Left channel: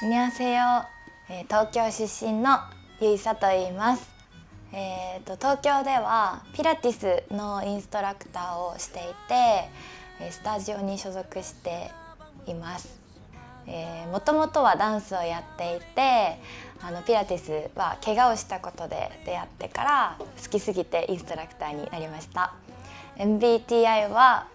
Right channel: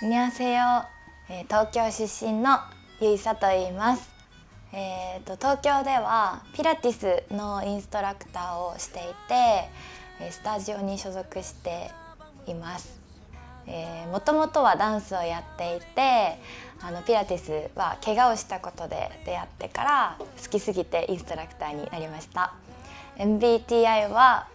안녕하세요. 東京出身のゆいさと言います。東京ではピラティスのインストラクターをしていて、スタジオに所属しています。もともとはダンスをやっていて、ピラティスは怪我をしたことで出会ってから好きすぎてインストラクターになりました。MBTI は、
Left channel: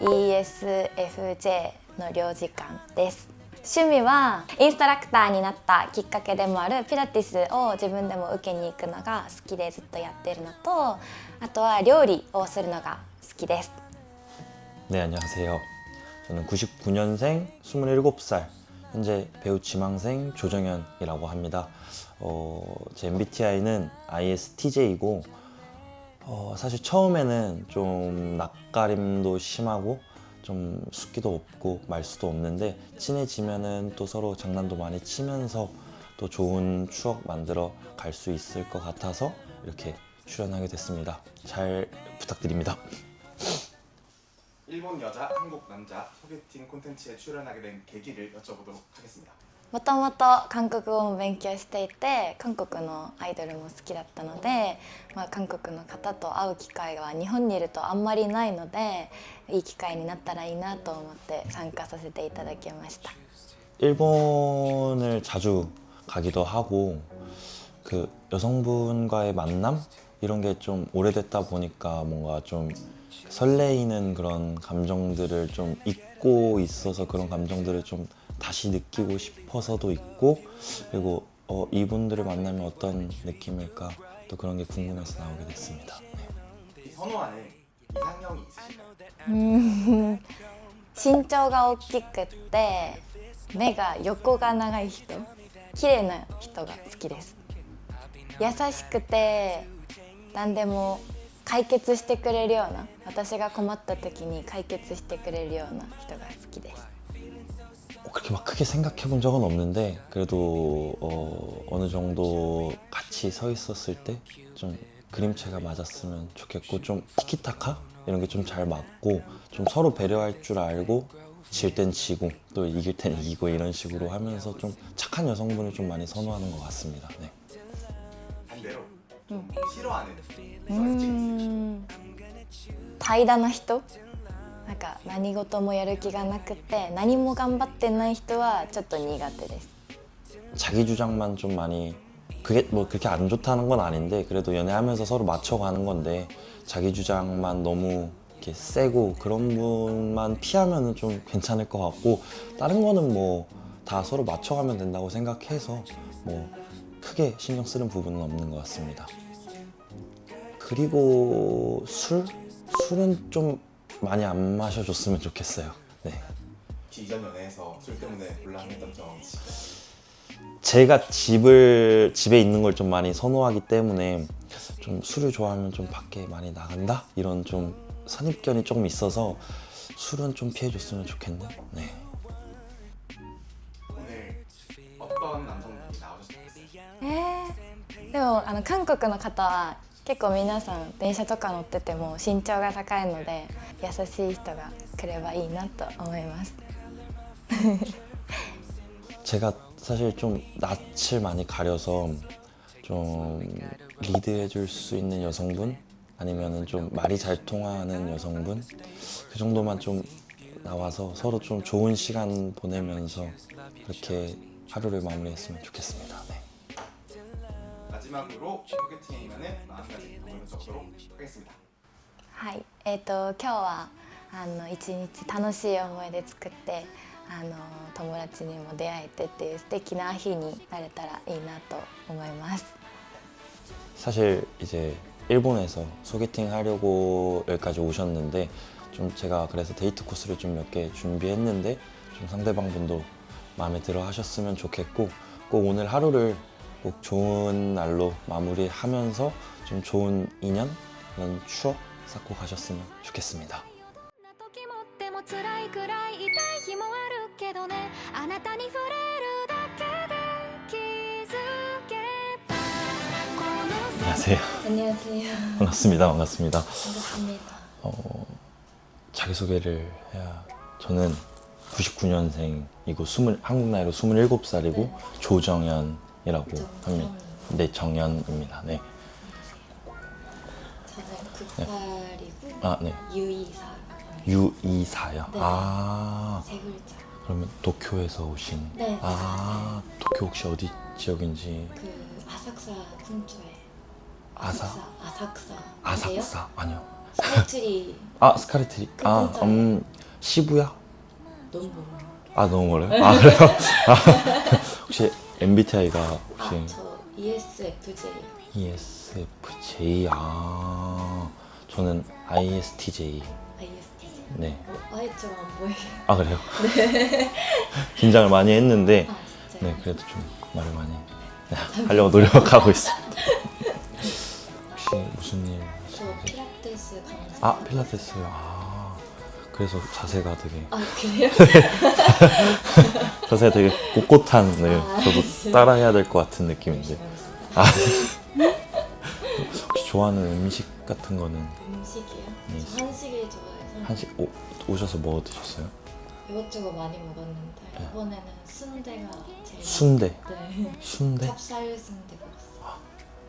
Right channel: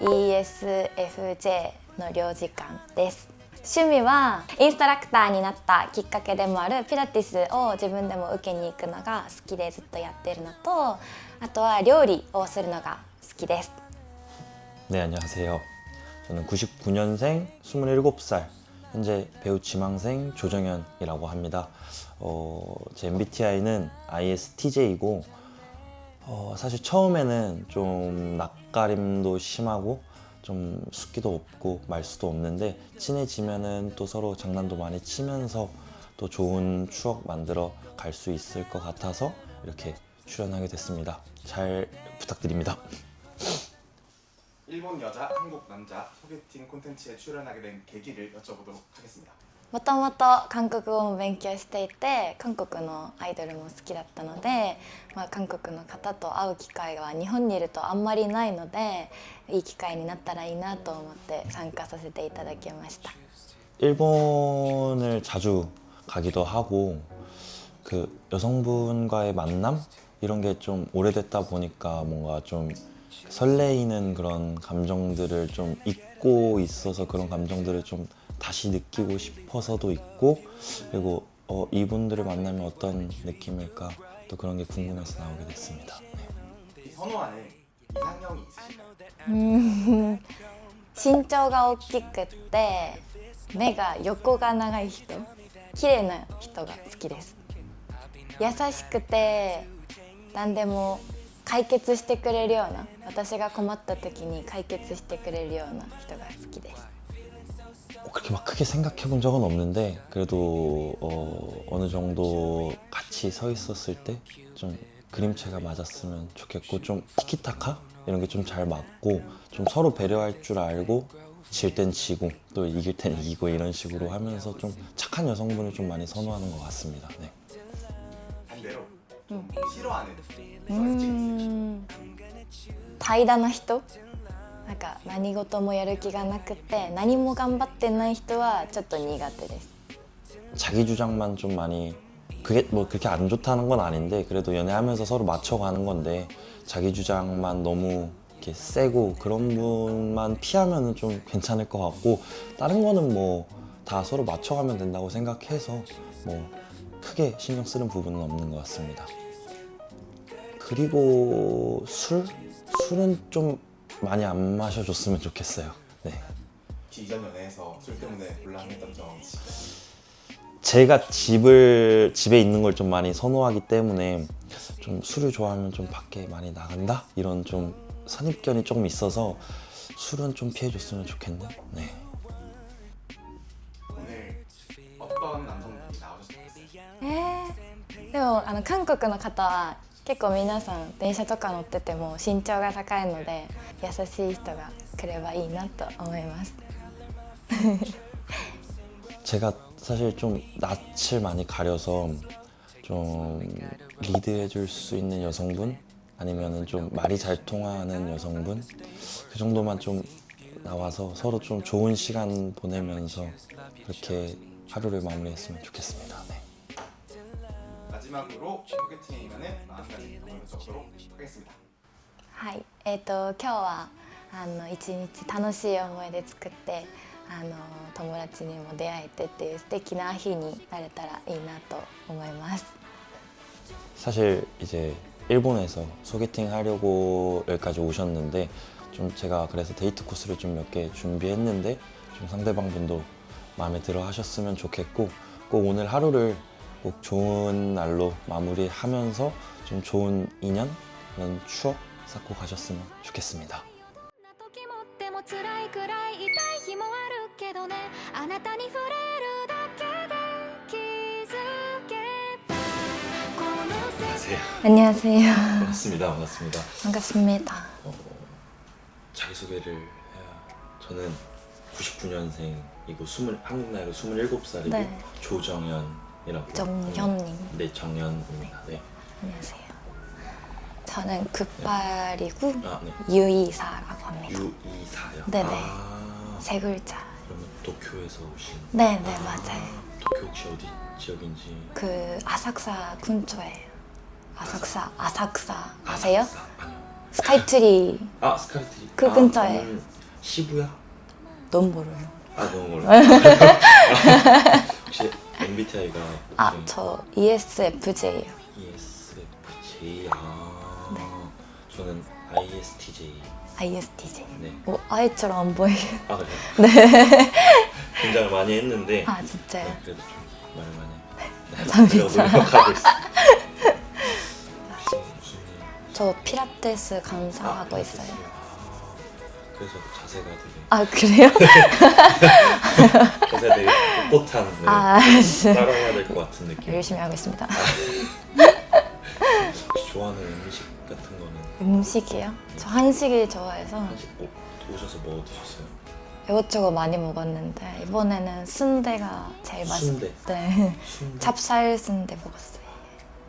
ESFJ の領事館です。趣味はインストラクターになったきっかけでもあるピラティスを自分でも受けに行くのが好きでずっとやってるのと、あとは料理をするのが好きです。 네, 안녕하세요. 저는 99년생 27살, 현재 배우 지망생 조정현이라고 합니다. 제 MBTI는 ISTJ이고, 사실 처음에는 좀 낯가림도 심하고 좀 숫기도 없고 말수도 없는데, 친해지면은 또 서로 장난도 많이 치면서 또 좋은 추억 만들어 갈 수 있을 것 같아서 이렇게 출연하게 됐습니다. 잘 부탁드립니다. 일본 여자, 한국 남자 소개팅 콘텐츠에 출연하게 된 계기를 여쭤보도록 하겠습니다. もともと韓国語も勉強していて、韓国のアイドルも好きだったので、韓国の方と会う機会は日本にいるとあんまりないので、いい機会になったらいいなと思って参加させていただきました。 일본을 자주 가기도 하고, 그 여성분과의 만남 이런 게 좀 오래됐다 보니까 뭔가 좀 설레이는 그런 감정들을 좀 잊고 있어서 그런 감정들을 좀 다시 느끼고 싶어서도 있고, 그리고 이분들을 만나면 어떤 느낌일까 또 그런 게 궁금해서 나오게 됐습니다. 네. 선호하는 이상형이 있으실까요? 身長が大きくって目が横が長い人、綺麗な人が好きです。優しくて何でも解決してくれるような、私が困った時に解決してくれるような人が好きです。 그렇게 막 크게 생각해 본 적은 없는데, 그래도 어느 정도 같이 서 있었을 때 좀 그림체가 맞았으면 좋겠고, 좀 티키타카 이런 게 좀 잘 맞고, 좀 서로 배려할 줄 알고, 질 땐 지고 또 이길 땐 이기고 이런 식으로 하면서 좀 착한 여성분을 좀 많이 선호하는 것 같습니다. 네. 반대로 좀 싫어하는 성격이 있으실까요? 怠惰な人、なんか何事もやる気がなくて何も頑張ってない人はちょっと苦手です。 자기 주장만 좀 많이, 그게 뭐 그렇게 안 좋다는 건 아닌데, 그래도 연애하면서 서로 맞춰가는 건데, 자기 주장만 너무 이렇게 세고 그런 분만 피하면은 좀 괜찮을 것 같고, 다른 거는 뭐 다 서로 맞춰가면 된다고 생각해서 뭐 크게 신경 쓰는 부분은 없는 것 같습니다. 그리고 술은 좀 많이 안 마셔줬으면 좋겠어요. 네. 혹시 이전 연애에서 술 때문에 곤란했던 점 있으실까요? 제가 집에 있는 걸 좀 많이 선호하기 때문에, 좀 술을 좋아하면 좀 밖에 많이 나간다? 이런 좀 선입견이 조금 있어서 술은 좀 피해줬으면 좋겠네. 네. 오늘 어떤 남성분이 나오셨으면 좋겠어요? でも韓国の方は結構皆さん電車とか乗ってても身長が高いので、優しい人が来ればいいなと思います。 제가 사실 좀 낯을 많이 가려서 좀 리드해 줄 수 있는 여성분, 아니면은 좀 말이 잘 통하는 여성분, 그 정도만 좀 나와서 서로 좀 좋은 시간 보내면서 그렇게 하루를 마무리했으면 좋겠습니다. 네. 마지막으로 소개팅에 임하는 마음가짐 한번 여쭤보도록 하겠습니다. はい、今日は一日楽しい思い出作って、友達にも出会えてっていう素敵な日になれたらいいなと思います。 사실 이제 일본에서 소개팅 하려고 여기까지 오셨는데, 좀 제가 그래서 데이트 코스를 좀 몇 개 준비했는데, 좀 상대방 분도 마음에 들어 하셨으면 좋겠고, 꼭 오늘 하루를 꼭 좋은 날로 마무리하면서 좀 좋은 인연, 그런 추억 쌓고 가셨으면 좋겠습니다. 時もっても辛いくらい痛い日もあるけどね、あなたに触れるだけで気づけばこの世界 안녕하세요. 안녕하세요. 반갑습니다. 반갑습니다. 반갑습니다. 자기소개를 해야. 저는 99년생이고 한국 나이로 27살이고 네. 조정현이라고 정현님. 합니다. 네, 정현입니다. 네. 안녕하세요. 저는 급발이고 아, 네. 유이사라고 합니다. 유이사요. 네네. 아, 세 글자. 그러면 도쿄에서 오신. 네, 네, 맞아요. 도쿄 혹시 어디 지역인지? 그 아삭사 근처예요. 아삭사 아세요? 아사쿠사 아니요. 스카이트리 아, 스카이트리. 그 근처에. 시부야? 너무 멀어요. 아, 너무 멀어요? 아, 그래요? 혹시 MBTI가 아, 저 ESFJ예요. ESFJ. 아, 저는 ISTJ. ISTJ. 네. 아이처럼 안 보이게. 아, 그래요? 네. 긴장을 많이 했는데 아, 진짜요? 네, 그래도 좀 말을 많이 하려고 노력하고 있어요. 혹시 무슨 일? 저 피라테스 강사하고 있어요. 필라테스요. 아, 그래서 자세가 되게 아, 그래요? 자세가 되게 꼿꼿한. 네. 아, 저도 따라해야 될 것 같은 느낌. 열심히 하고 있습니다. 혹시 좋아하는 음식 같은 거는 음식이요? 저 한식을 좋아해서 한식 오셔서 뭐 드셨어요? 이것저것 많이 먹었는데 이번에는 순대가 제일 맛있어요. 순대. 네. 순대. 찹쌀 순대 먹었어요.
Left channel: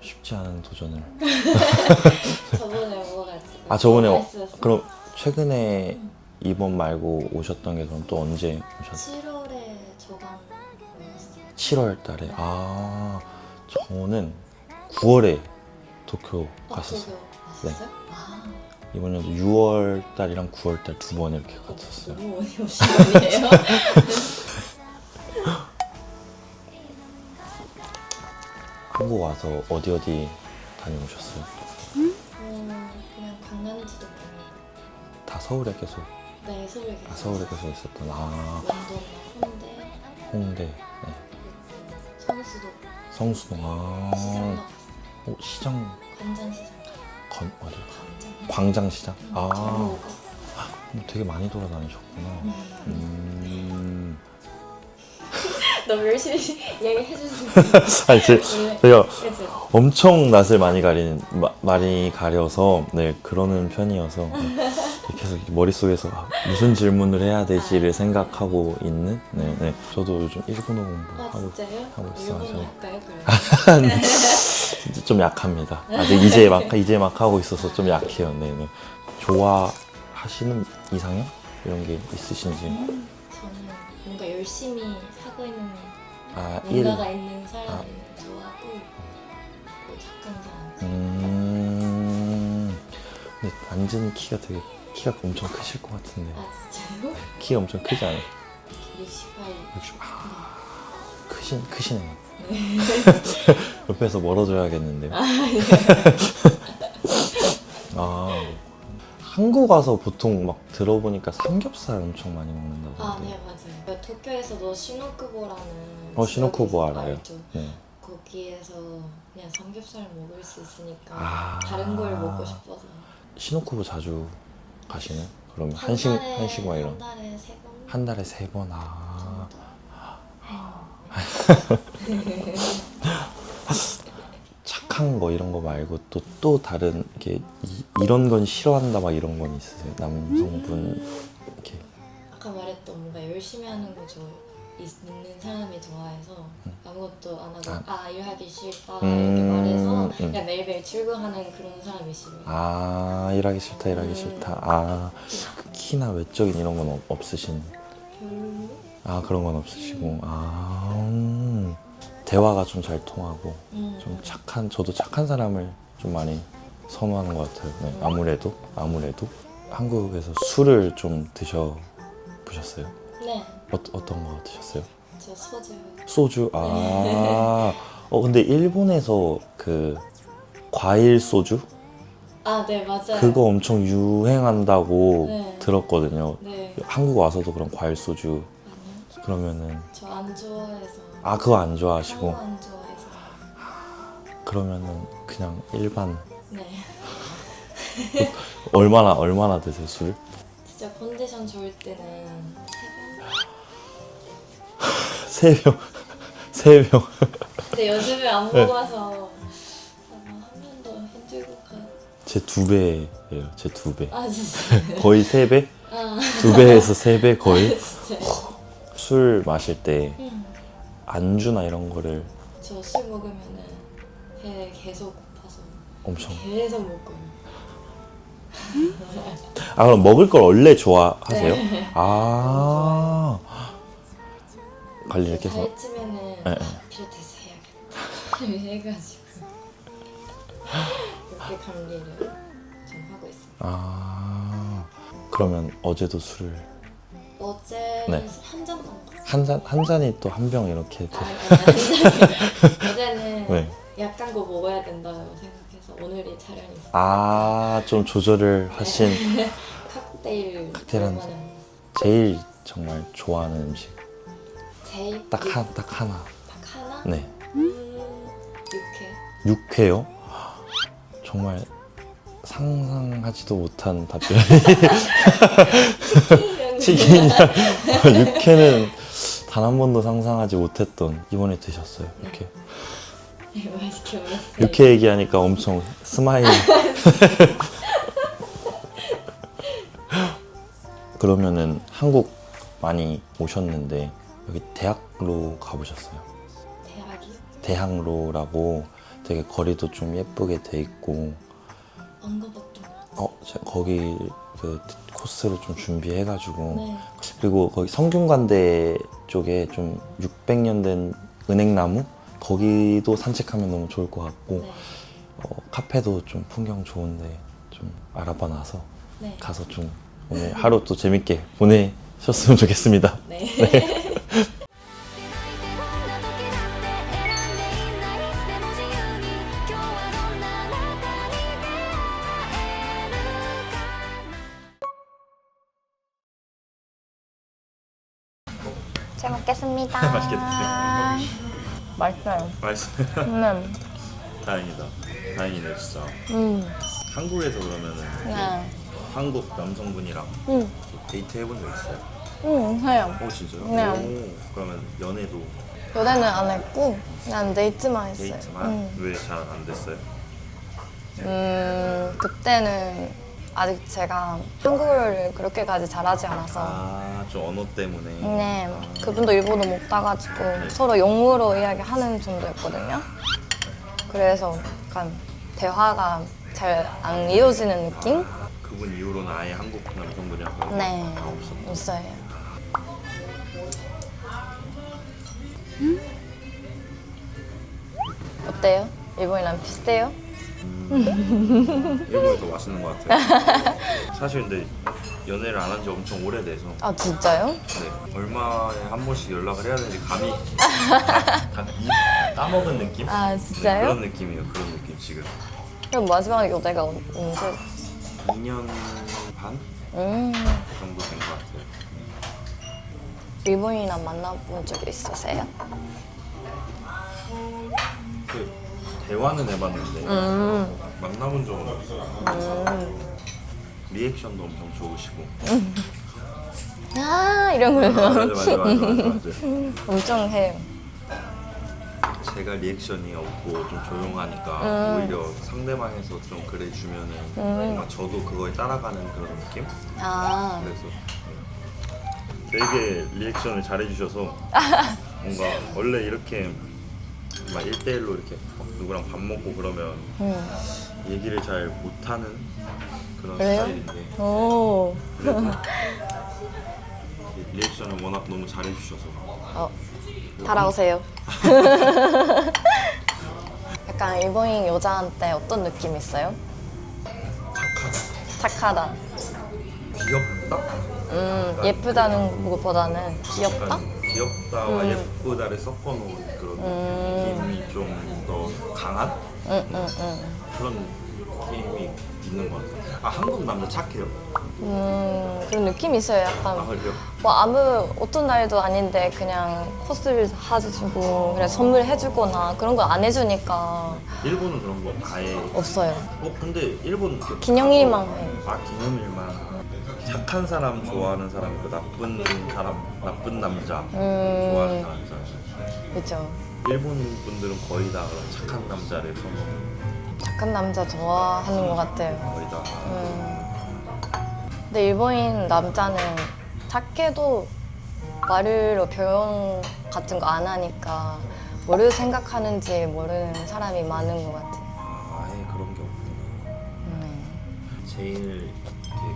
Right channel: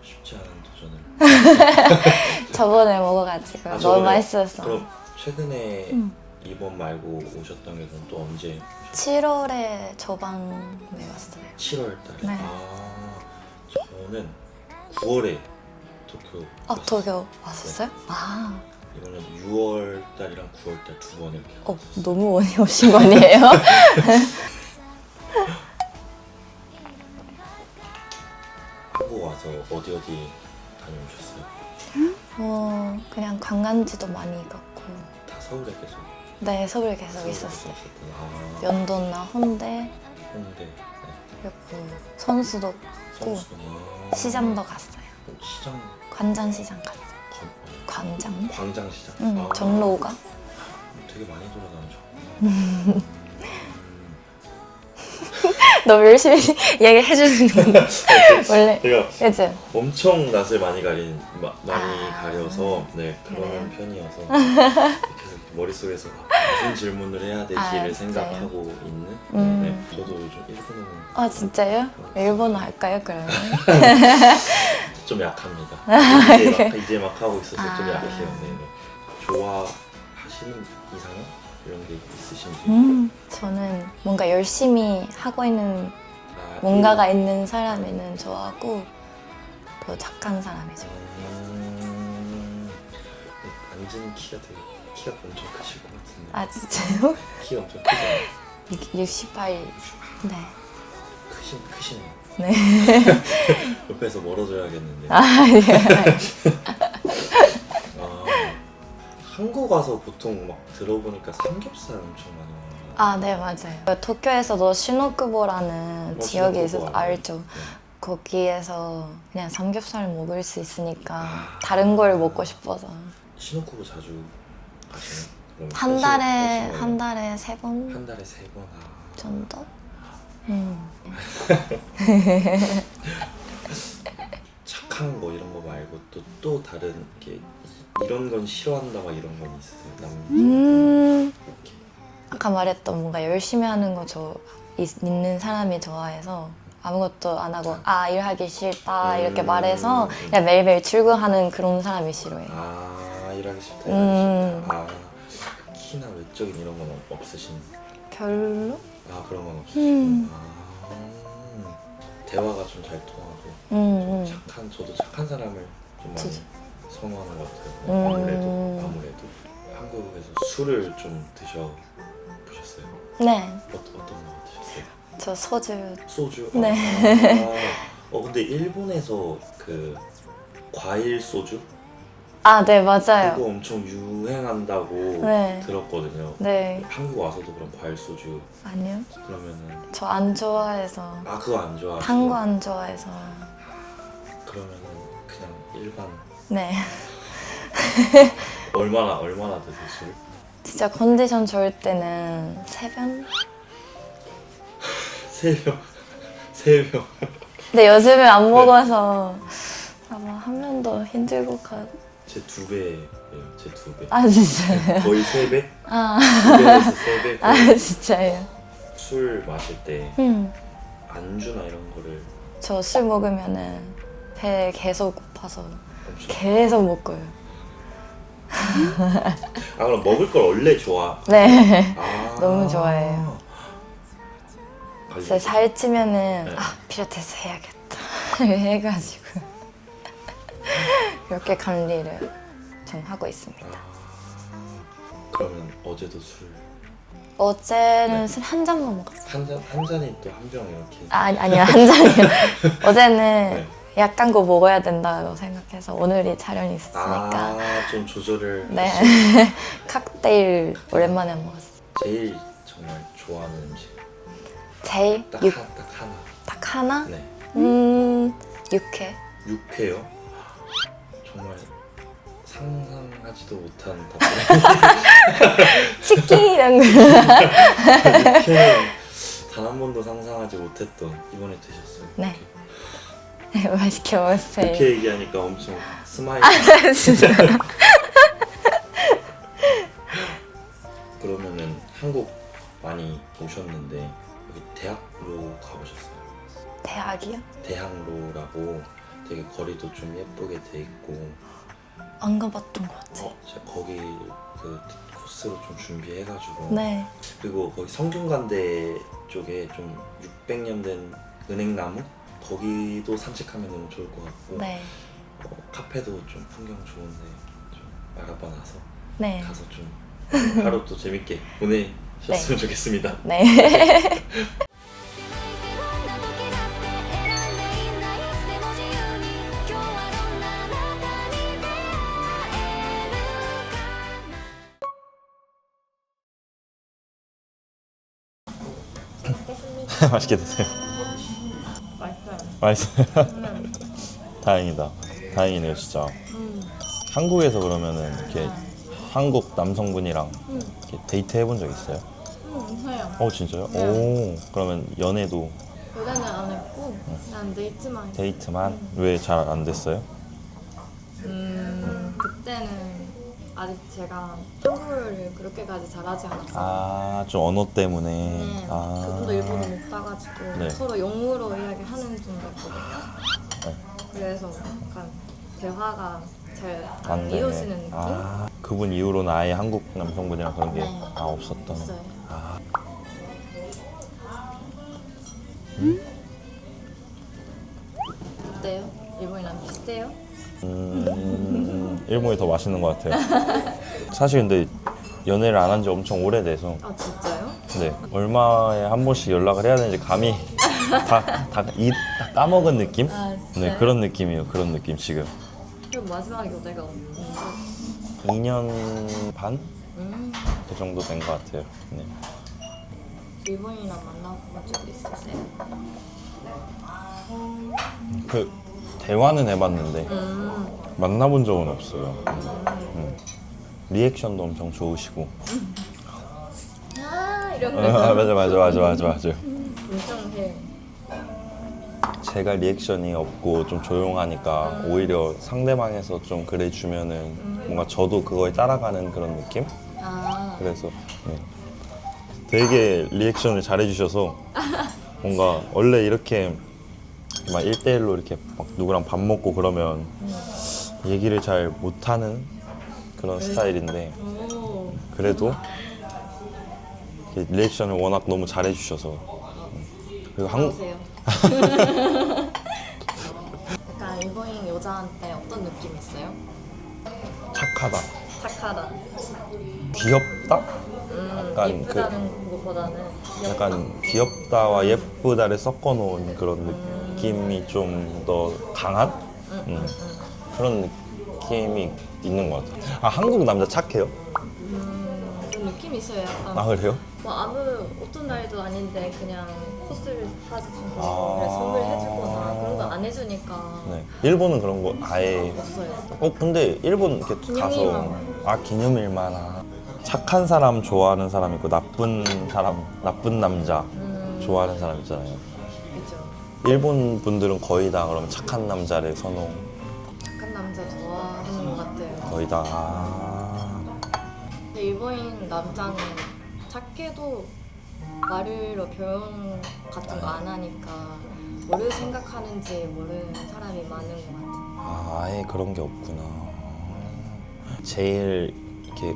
쉽지 않은 도전을. 저번에 먹어가지고 아, 너무 저번에 맛있었어. 그럼 최근에 이번 말고 오셨던 게 그럼 또 언제 오셨어요? 7월에 저번 먹었어요. 7월 달에. 네. 아, 저는 9월에 도쿄 아, 갔었어요. 도쿄 왔었어요? 네. 아, 이번에 6월 달이랑 9월 달 두 번 이렇게 갔었어요. 너무 많이 오신 거 아니에요? 한국 와서 어디 다녀오셨어요? 그냥 관광지도 많이 갔고 다 서울에 계속 네, 서울에 계속 서울에 있었어요. 계속 있었던. 아, 연도나 홍대 홍대, 네. 그리고 선수도 성수동. 아, 시장도 갔어요. 시장 관전시장 갔어요. 광장? 광장시장. 응, 종로가. 되게 많이 돌아다니셨구나. 너무 열심히 얘기해주는 건데 원래 제가 그치? 엄청 낯을 많이 가려서 네, 그러는 편이어서 계속 이렇게 머릿속에서 무슨 질문을 해야 될지를 아, 생각하고 있는. 네, 네. 저도 요즘 일본어 아, 진짜요? 하고 일본어 있어요. 할까요 그러면? 좀 약합니다. 이제 막 하고 있어서 좀 약해요. 네, 네. 좋아하시는 이상형 이런 게 있으신지. 저는 뭔가 열심히 하고 있는 아, 뭔가가 있는 사람에는 좋아하고 더 착한 사람이죠. 근데 완전 키가 엄청 크실 것 같은데. 아, 진짜요? 키가 엄청 크잖아요. 68. 네. 크시네요. 네. 옆에서 멀어져야겠는데. 한국 와서 보통 막 들어보니까 삼겹살 엄청 많이 먹는 거. 아, 네, 맞아요. 도쿄에서도 시노쿠보라는 지역이 있어서 시노쿠보 알아요. 알죠? 네. 거기에서 그냥 삼겹살 먹을 수 있으니까 아. 다른 걸 먹고 싶어서 시노쿠보 자주 가시나요? 그럼 한 달에 3번 한 달에 3번. 정도? 착한 거 이런 거 말고 또 다른 게 이런 건 싫어한다 막 이런 건 있으세요? 남성 이렇게. 아까 말했던 뭔가 열심히 하는 거 있는 사람이 좋아해서 아무것도 안 하고 일하기 싫다 이렇게 말해서 그냥 매일매일 출근하는 그런 사람이 싫어요. 아, 일하기 싫다. 아, 키나 외적인 이런 건 없으신? 별로? 아, 그런 건 없으시고. 대화가 좀 잘 통하고 좀 저도 착한 사람을 좀 많이 선호하는 것 같아요. 아무래도 한국에서 술을 좀 드셔보셨어요? 네, 어떤 거 드셨어요? 저 소주. 소주? 네. 근데 일본에서 그 과일 소주? 아, 네, 맞아요. 그거 엄청 유행한다고 네. 들었거든요. 네, 한국 와서도 그럼 과일 소주 아니요. 그러면은 저 안 좋아해서. 그거 안 좋아하시고 한 거 안 좋아해서. 그러면은 그냥 일반 네. 얼마나 드세요 술? 진짜 컨디션 좋을 때는 3병? 3병. 근데 요즘에 안 먹어서 아마 한 명도 힘들고 제 2배예요. 제 2배. 아 진짜요? 거의 3배? 아, 2배에서 3배 거의. 아 진짜요? 술 마실 때 안주나 이런 거를 저 술 먹으면은 배 계속 고파서 엄청. 계속 먹어요. 아 그럼 먹을 걸 원래 좋아해요? 네. 아 너무 좋아해요. 관리해서. 제가 살 찌면은 네. 아, 필라테스 해야겠다 해가지고 이렇게 관리를 좀 하고 있습니다. 아 그러면 어제도 술 어제는 네. 술 한 잔만 먹었어요. 한 잔이 또 한 병 이렇게. 아니야 한 잔이요. 어제는 네. 약간 거 먹어야 된다고 생각해서 오늘이 촬영이 있으니까 아좀 조절을 네. 하신. 칵테일 오랜만에 먹었어요. 제일 정말 좋아하는 음식 제일 딱 하나. 딱 하나? 네. 육회. 육회요? 정말 상상하지도 못한 답변. 치킨 이런 거. 육회는 단 한 번도 상상하지 못했던 이번에 드셨어요. 네. 육회. 네, 맛있게 먹었어요. 육회 얘기하니까 엄청 스마일. 진짜. 그러면은 한국 많이 오셨는데 여기 대학로 가보셨어요? 대학이요? 대학로라고 되게 거리도 좀 예쁘게 돼 있고 안 가봤던 것 같아요. 제가 거기 그 코스를 좀 준비해가지고 네. 그리고 거기 성균관대 쪽에 좀 600년 된 은행나무 거기도 산책하면 너무 좋을 것 같고 네. 카페도 좀 풍경 좋은데 좀 알아봐놔서 네. 가서 좀 하루 또 재밌게 보내셨으면 좋겠습니다. 네. 泣いてどんな時だって選んでいいんだいつでも自由に今日はどんなあなたに出会えるかな 잘 먹겠습니다. 맛있게 드세요. 맛있어요. 맛있어요. 다행이다. 다행이네요, 진짜. 한국에서 그러면은 이렇게 네. 한국 남성분이랑 이렇게 데이트 해본 적 있어요? 해요. 진짜요? 네. 오, 그러면 연애도 연애는 안 했고 그냥 데이트만 했어요. 데이트만? 왜 잘 안 됐어요? 그때는 아직 제가 한국어를 그렇게까지 잘하지 않아서 좀 언어 때문에. 네, 그분도 일본어 못 따가지고 네. 서로 영어로 이야기하는 정도였거든요. 그래서 약간 대화가 잘 안 이어지는 느낌? 그분 이후로는 아예 한국 남성분이랑 그런 게 네. 없었던. 없어요. 어때요? 일본이랑 비슷해요? 일본이 더 맛있는 것 같아요. 사실 근데 연애를 안 한 지 엄청 오래돼서 아 진짜요? 네, 얼마에 한 번씩 연락을 해야 되는지 감이 다입 따먹은 느낌? 아 진짜요? 네, 그런 느낌이에요. 그런 느낌 지금. 그럼 마지막에 연애가 언제? 2년 반? 그 정도 된 것 같아요. 네. 일본이랑 만나본 적 있으세요? 그 대화는 해봤는데 만나본 적은 없어요. 리액션도 엄청 좋으시고. 아 이런 거 맞아. 엄청 해요. 제가 리액션이 없고 좀 조용하니까 오히려 상대방에서 좀 그래주면은 뭔가 저도 그거에 따라가는 그런 느낌? 아 그래서 되게 리액션을 잘해주셔서 뭔가 원래 이렇게 막 1대1로 이렇게 막 누구랑 밥 먹고 그러면 얘기를 잘 못하는 그런 그래요? 스타일인데 오. 그래도 리액션을 워낙 너무 잘해주셔서 그리고 따라오세요. 약간 일본인 여자한테 어떤 느낌 있어요? 착하다, 착하다. 귀엽다? 약간 예쁘다는 것보다는 귀엽다? 약간 귀엽다와 예쁘다를 섞어놓은 그런 느낌이 좀 더 강한 그런 느낌이 있는 것 같아요. 한국 남자 착해요? 그런 느낌이 있어요. 약간 그래요? 뭐 아무 어떤 날도 아닌데 그냥 코스를 사주고 그래 선물해주거나 그런 거 안 해주니까 네. 일본은 그런 거 아예 없어요. 근데 일본 이렇게 기념일만 가서- 해요. 기념일만. 착한 사람 좋아하는 사람 있고 나쁜 사람, 나쁜 남자 좋아하는 사람 있잖아요. 그렇죠. 일본 분들은 거의 다 그럼 착한 남자를 선호. 약한 남자 좋아하는 것 같아요. 거의 다. 근데 일본인 남자는 착해도 말로 표현 같은 거 안 하니까 뭐를 생각하는지 모르는 사람이 많은 것 같아요. 아예 그런 게 없구나. 제일 이렇게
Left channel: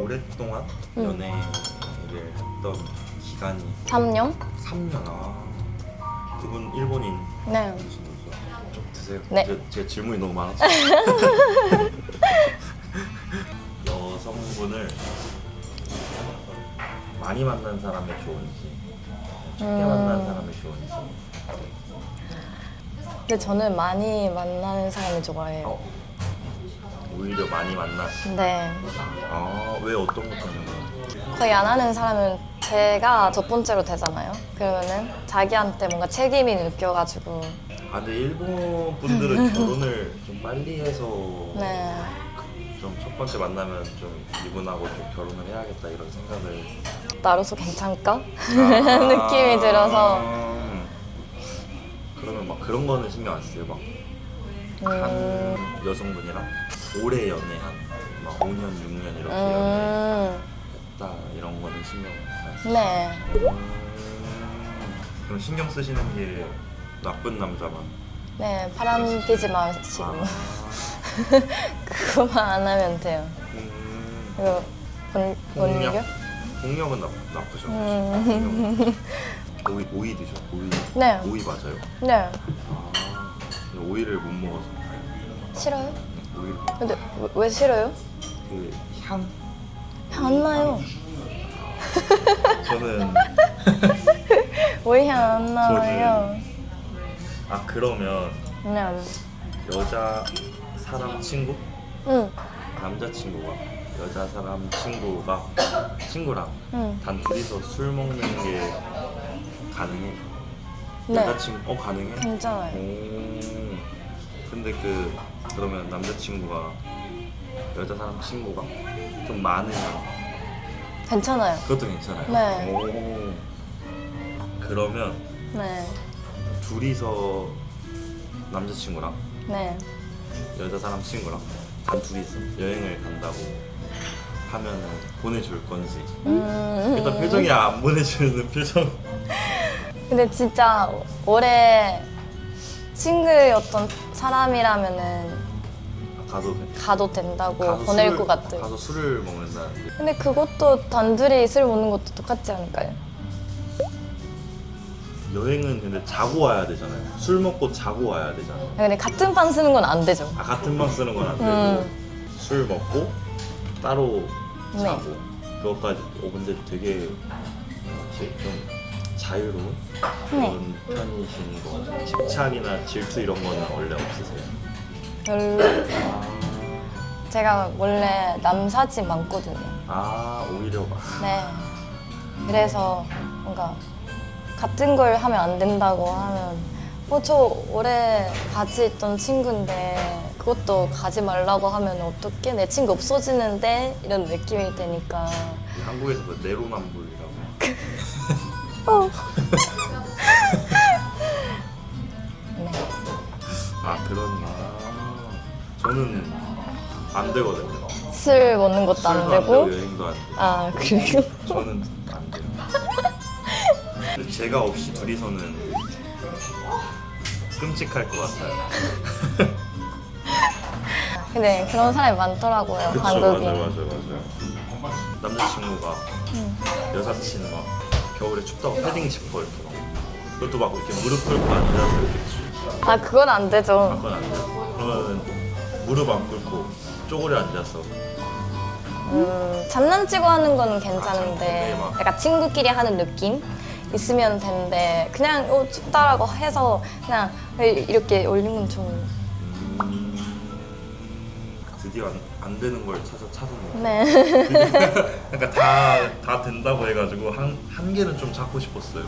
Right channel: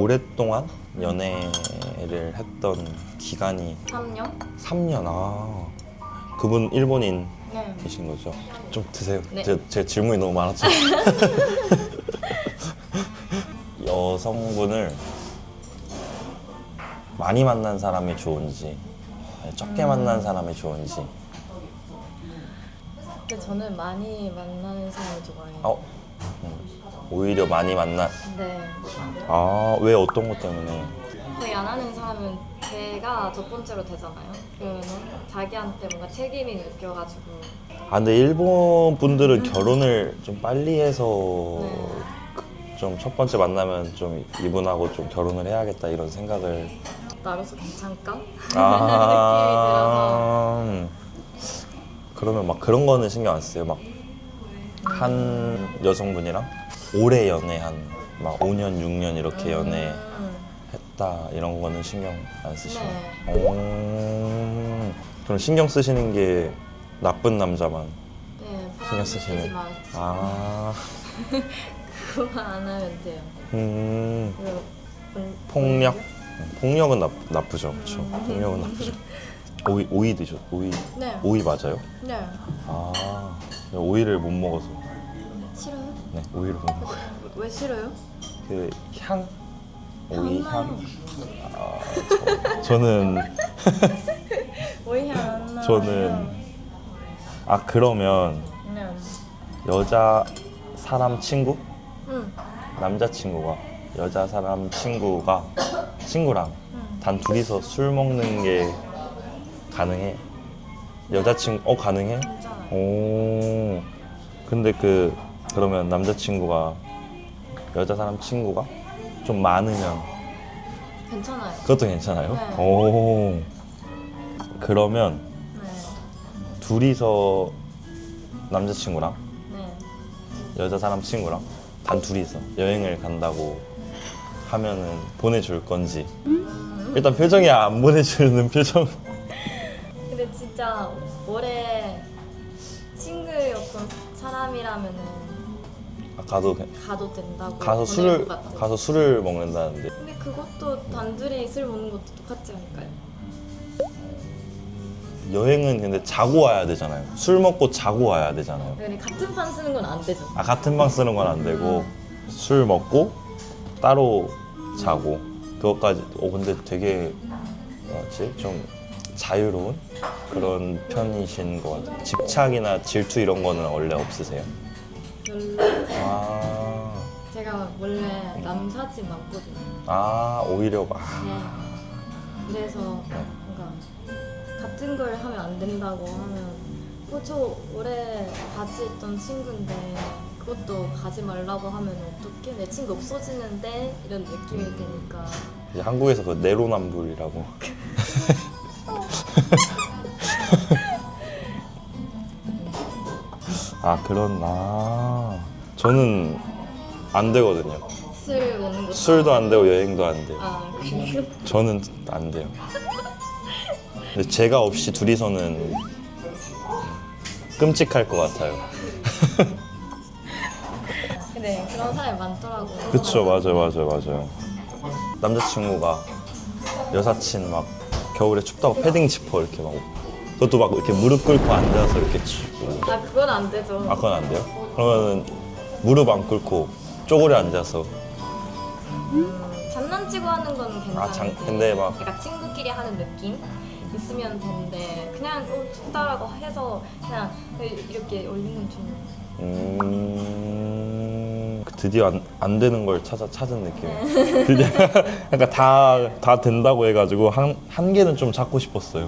오랫동안 연애를 했던 기간이 3년? 3년. 그분 일본인이신 네. 거죠? 좀 드세요. 네. 제 질문이 너무 많았죠. 여성분을 많이 만난 사람이 좋은지 적게 만난 사람이 좋은지. 근데 저는 많이 만나는 사람이 좋아해요. 오히려 많이 만나. 네. 왜 어떤 것 때문에? 거의 안 하는 사람은 제가 첫 번째로 되잖아요. 그러면은 자기한테 뭔가 책임이 느껴가지고. 근데 일본 분들은 결혼을 좀 빨리 해서 네. 좀 첫 번째 만나면 좀 이분하고 좀 결혼을 해야겠다 이런 생각을. 나로서 괜찮을까? 느낌이 들어서. 그러면 막 그런 거는 신경 안 써요. 막 한 여성분이랑 오래 연애한 막 5년, 6년 이렇게 연애했다 이런 거는 신경 안 쓰시나요? 네. 그럼 신경 쓰시는 게 나쁜 남자만. 네, 바람 신경 피지 쓰시나요? 마시고 그거만 안 하면 돼요. 그리고 폭력? 폭력은 나쁘죠. 그렇죠. 폭력은 나쁘죠. 오이 드죠. 오이. 네. 오이 맞아요? 네. 오이를 못 먹어서. 싫어요? 네, 오이를 못 먹어서. 근데 왜 싫어요? 그 향? 향 오이 안 나요. 저는 왜 향 안 나요? 그러면 네. 여자 사람 친구? 응. 남자 친구가 여자 사람 친구랑 단 둘이서 술 먹는 게 가능해? 네. 여자친구 가능해? 괜찮아요. 오. 근데 그러면 남자친구가 여자 사람 친구가 좀 많으면 괜찮아요. 그것도 괜찮아요? 네. 오. 그러면 네. 둘이서 남자친구랑 네. 여자 사람 친구랑 단 둘이서 여행을 간다고 하면은 보내줄 건지. 일단 표정이 안 보내주는 표정. 근데 진짜 오래 친구였던 사람이라면은 가도 된다고 보낼 것 같아요. 가서 술을 먹는다는데. 근데 그것도 단둘이 술 먹는 것도 똑같지 않을까요? 여행은 근데 자고 와야 되잖아요. 술 먹고 자고 와야 되잖아요. 근데 같은 판 쓰는 건 안 되죠. 같은 방 쓰는 건 안 되고 술 먹고 따로 자고 그것까지. 근데 되게 뭐지 좀 자유로운 그런 편이신 것 같아요. 집착이나 질투 이런 거는 원래 없으세요? 별로. 아, 제가 원래 남사친 많거든요. 오히려 네. 그래서 뭔가 같은 걸 하면 안 된다고 하면 저 오래 같이 있던 친구인데 그것도 가지 말라고 하면 어떡해? 내 친구 없어지는데? 이런 느낌이 드니까. 한국에서도 내로남불이라고. 네. 저는 안 되거든요. 술 먹는 것도 술도 안 안 되고. 되고 여행도 안 돼요. 그래요? 저는 안 돼요. 근데 제가 없이 둘이서는 끔찍할 것 같아요. 근데 그런 사람이 많더라고요. 그쵸, 한국에. 맞아요. 남자친구가 여사친 막 겨울에 춥다고 패딩 지퍼 이렇게 막 그것도 막 이렇게 무릎 꿇고 앉아서 이렇게 그건 안 되죠. 그건 안 돼요? 그러면 무릎 안 꿇고 쪼그려 앉아서 장난치고 하는 건 근데 괜찮은데 막- 약간 친구끼리 하는 느낌 있으면 되는데 그냥 춥다라고 해서 그냥 이렇게 올리는 건 좀. 드디어 안 되는 걸 찾은 느낌. 네. 그러니까 다 된다고 해가지고 한 개는 좀 찾고 싶었어요.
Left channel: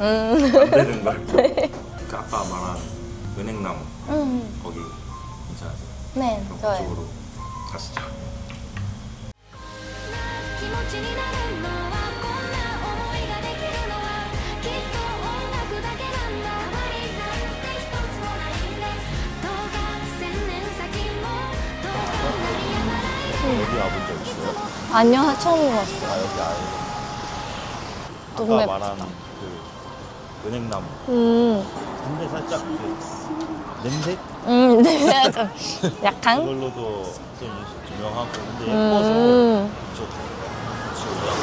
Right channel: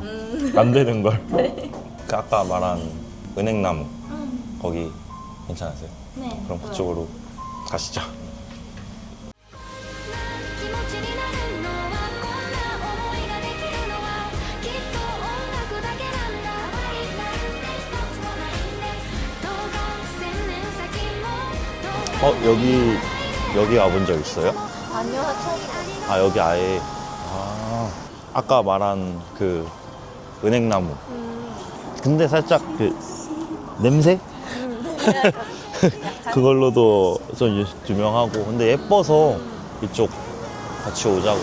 안 되는 걸. 그 아까 말한 은행나무 거기 괜찮으세요? 네. 그럼 좋아요. 그쪽으로 가시죠. 気持ちになるのはこんな思いができるのはきっと音楽だけなんだ変わりたいって一つもないんですどうか千年先 여기 와본 적 있어요? 아니요, 처음 왔어. 아 여기 아예 아까 정말- 말한 그 은행나무. 음, 근데 살짝 그 냄새? 네, 좀 약간. 그걸로도 좀 유명하고. 근데 예뻐서 이쪽 같이 오자고.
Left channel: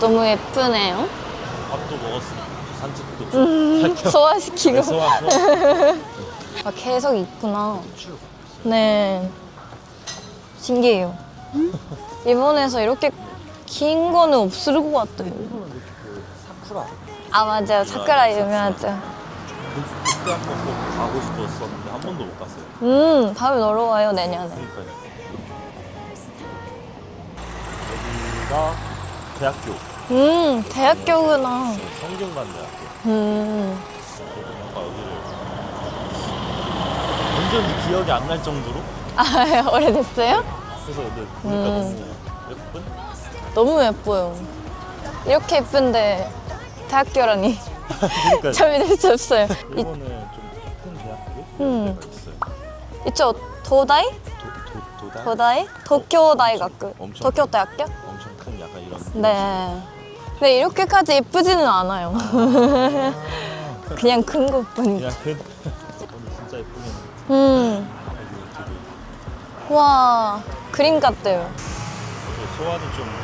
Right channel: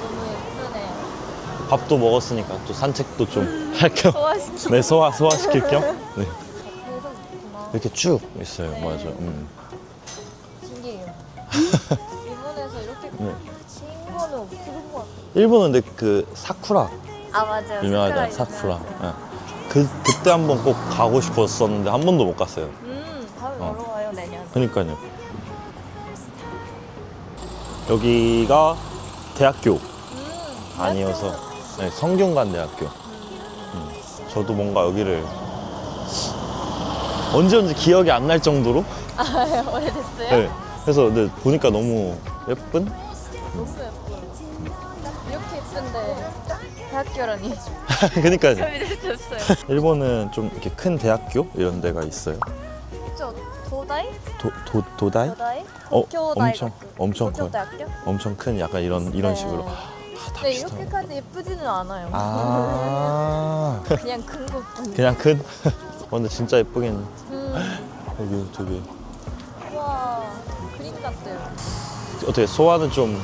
너무 예쁘네요. 밥도 먹었으니까 또 산책도 좀 할 겸. 소화시키고. 네, 소화시킬 겸. 네. 아, 계속 있구나. 이렇게 쭉 있어요. 네. 맞아요. 신기해요. 일본에서 이렇게 긴 거는 없을 것 같아요. 일본은 근데 그 사쿠라 아, 맞아요. 유명하죠, 사쿠라 사쿠라. 유명하죠. 네. 그때 한번 꼭 가고 싶었었는데 한 번도 못 갔어요. 다음에 놀러 와요, 내년. 그러니까요. 여기가 대학교. 대학교구나. 아니어서. 네, 성균관 대학교. 저도 뭔가 여기를 언제 온지 기억이 안 날 정도로. 아, 오래됐어요? 네. 그래서 근데 보니까 너무 예쁜. 너무 예뻐요. 이렇게 예쁜데 대학교라니. 그러니까 참 이럴 수 없어요. 일본은 좀 이렇게 큰 대학교 이런 데가 있어요. 이쪽 도다이? 도다이? 도다이? 도쿄 다이学. 엄청 도쿄 큰. 대학교? 엄청 큰 약간 이런 식으로. 네. 근데 이렇게까지 예쁘지는 않아요. 아. 그냥 큰 것뿐이죠. 그냥 큰. 근데 진짜 예쁘긴. 여기 저기. 와, 그림 같대요. 어떻게 소화는 좀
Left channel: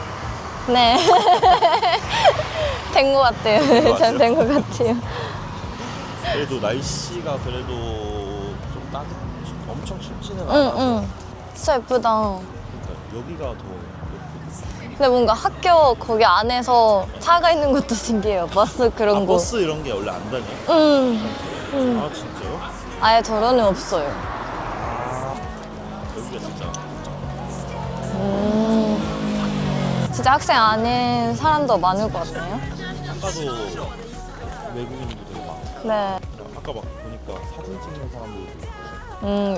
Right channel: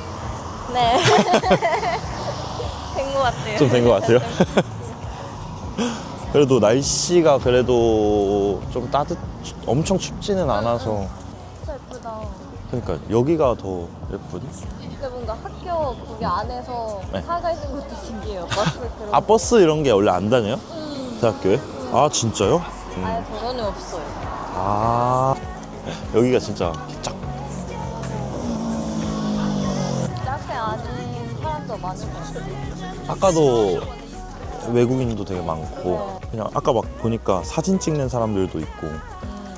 네. 된 것 같아요. 좀된것 같아요? 된것 같아요. 그래도 날씨가 그래도 좀 엄청 춥지는 않아서. 진짜 예쁘다. 그러니까 여기가 더 예쁘지. 근데 뭔가 학교 거기 안에서 차가 있는 것도 신기해요. 버스 그런 아 거. 버스 이런 게 원래 안 다녀요? 대학교에? 아 진짜요? 아예 전원이 없어요. 아 여기가 진짜 쫙. 진짜 학생 아닌 사람도 많을 것 같아요. 아까도 외국인도 되게 많고. 네. 그냥 아까 막 보니까 사진 찍는 사람들도 있고.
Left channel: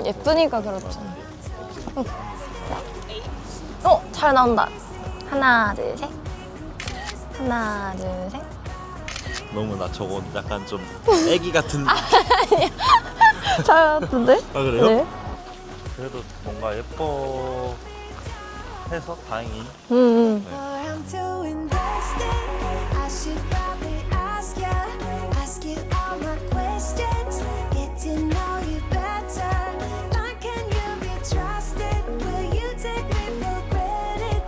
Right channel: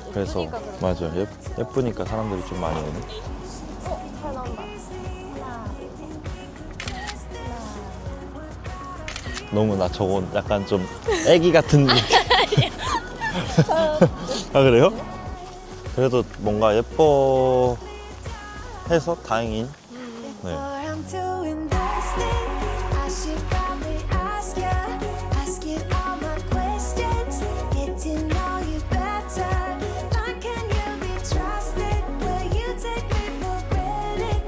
예쁘니까 그래서- 그렇죠. 맞아요. 예쁘니까 사람들이 좀 많이 오고. 잘 나온다. 하나, 둘, 셋. 하나, 둘, 셋. 너무 나 저거 약간 좀 애기 같은 느낌. 잘 나왔는데? 아 그래요? 네. 그래도 뭔가 예뻐 해서 다행히. 네. Or I'm too invested. I should probably ask you all my questions, get to know you better. Like, can you be trusted? Will you take me for granted?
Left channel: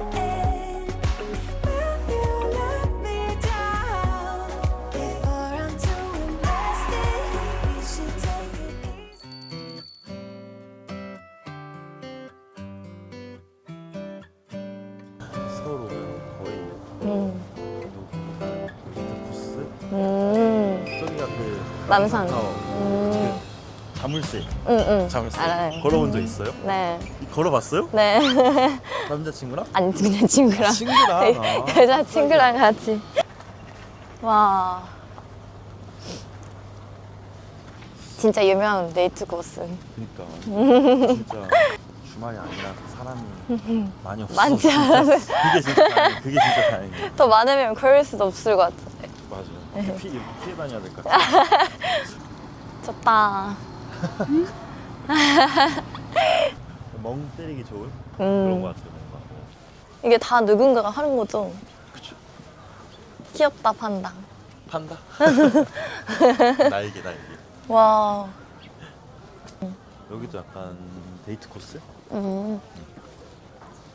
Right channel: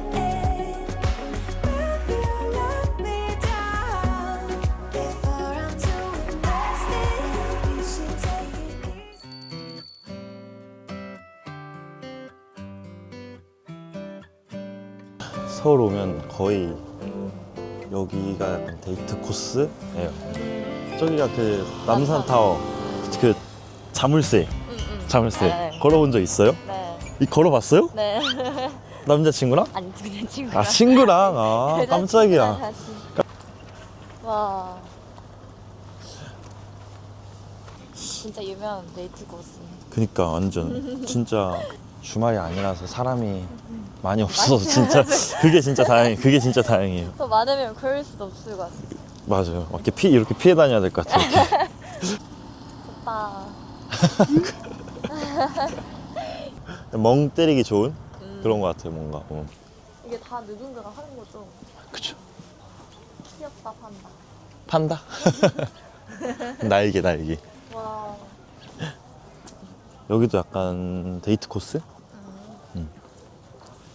Will you let me down? Before I'm too invested, you should take it easy. 서울 오면 거의 여기가 데이트 코스. 네. 저기가 그 남산타워. 그 자물쇠. 자물쇠. 아, 걸어본 적 있어요? 네. 걸어봤어요? 네. 남자친구랑? 아니, 그냥 친구랑. 아 친구랑? 아 여자 친구랑 깜짝이야. 같이. 와. 진짜 유명한 데이트 코스. 그니까 완전 진짜 주말이 아니라서 사람이 많이 없어서 많지 진짜 그게 진짜 다행이에요. 그게 진짜 다행이에요. 더 많으면 그럴 수도 없을 것 같은데. 맞아요. 이렇게 피해 다녀야 될 것 같아요. 좋다. 멍 때리기 좋은 그런 것 같아요. 뭔가. 이게 다 누군가가 하는 거죠? 그쵸. 귀엽다, 판다. 판다? 날개. 와. 여기도 약간 데이트 코스?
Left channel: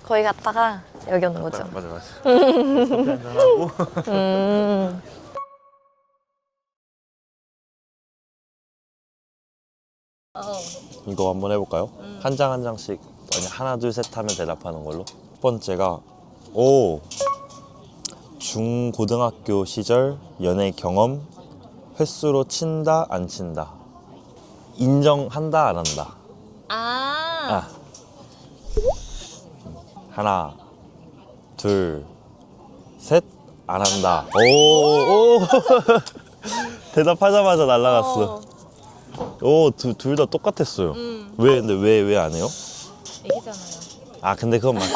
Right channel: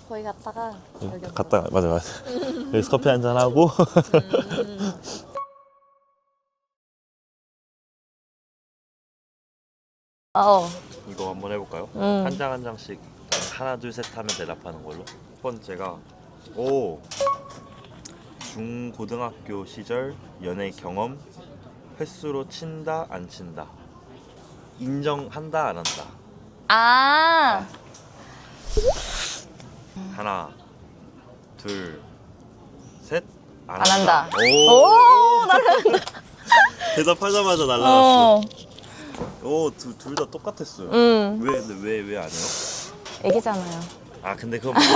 거기 갔다가 여기 온 거죠? 맞아. 그래서 커피 한잔 하고. 이거 한번 해볼까요? 한 장 한 장씩 하나 둘 셋 하면 대답하는 걸로. 첫 번째가 중고등학교 시절 연애 경험 횟수로 친다 안 친다. 인정한다 안 한다. 아. 하나 둘 셋 안 안 한다. 한다. 오. 대답하자마자 날라갔어. 어. 둘 다 똑같았어요. 근데 왜 안 해요? 애기잖아요. 아 근데 그건 맞죠.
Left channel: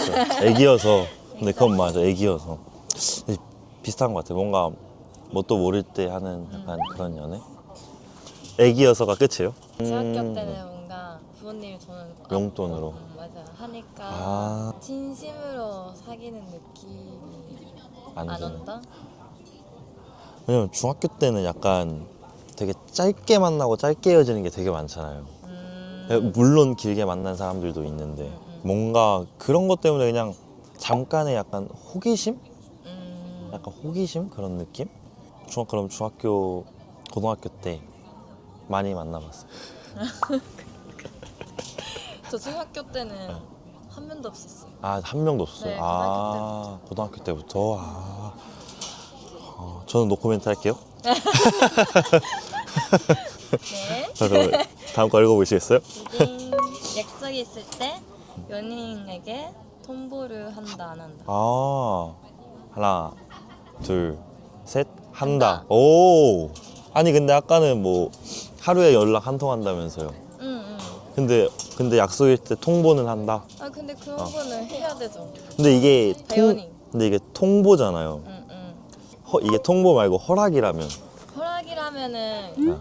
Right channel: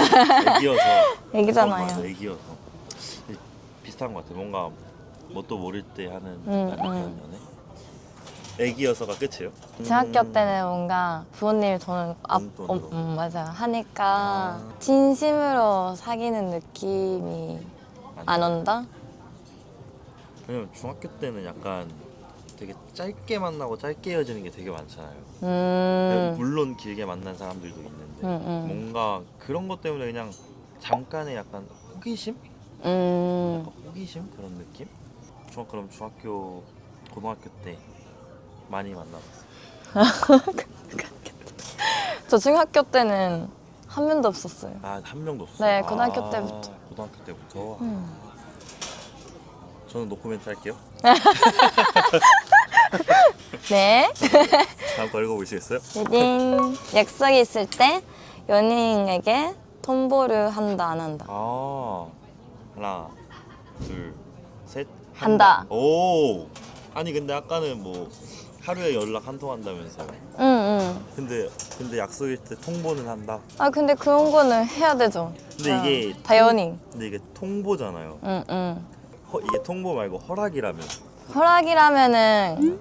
애기여서. 근데 그건 애기잖아요. 맞아. 애기여서. 비슷한 것 같아. 뭔가 뭣도 모를 때 하는 약간 그런 연애. 애기여서가 끝이에요? 중학교 때는 뭔가 부모님이 돈을 용돈으로. 맞아요. 하니까 아. 진심으로 사귀는 느낌이 안 온다? 왜냐면 중학교 때는 약간 되게 짧게 만나고 짧게 헤어지는 게 되게 많잖아요. 물론 길게 만난 사람들도 있는데 뭔가 그런 것 때문에 그냥 잠깐의 약간 호기심? 약간 호기심? 그런 느낌? 그럼 중학교, 고등학교 때 많이 만나봤어요. 저 중학교 때는 한 명도 없었어요. 아, 한 명도 없었어요? 네, 고등학교 때부터. 고등학교 때부터? 저는 노코멘트 할게요. 네. 자, 그럼 다음 거 읽어보시겠어요? 딩. 약속이 있을 때 연인에게 통보를 한다 안 한다. 아, 하나, 둘, 셋, 한다. 오, 아니 근데 아까는 뭐 하루에 연락 한 통 한다면서요. 응. 근데 약속일 때 통보는 한다. 아 근데 그런 거는 해야 되죠. 근데 이게 당연히. 근데 이게 통보잖아요. 응. 이게 통보 말고 허락이라면. 허락이라면은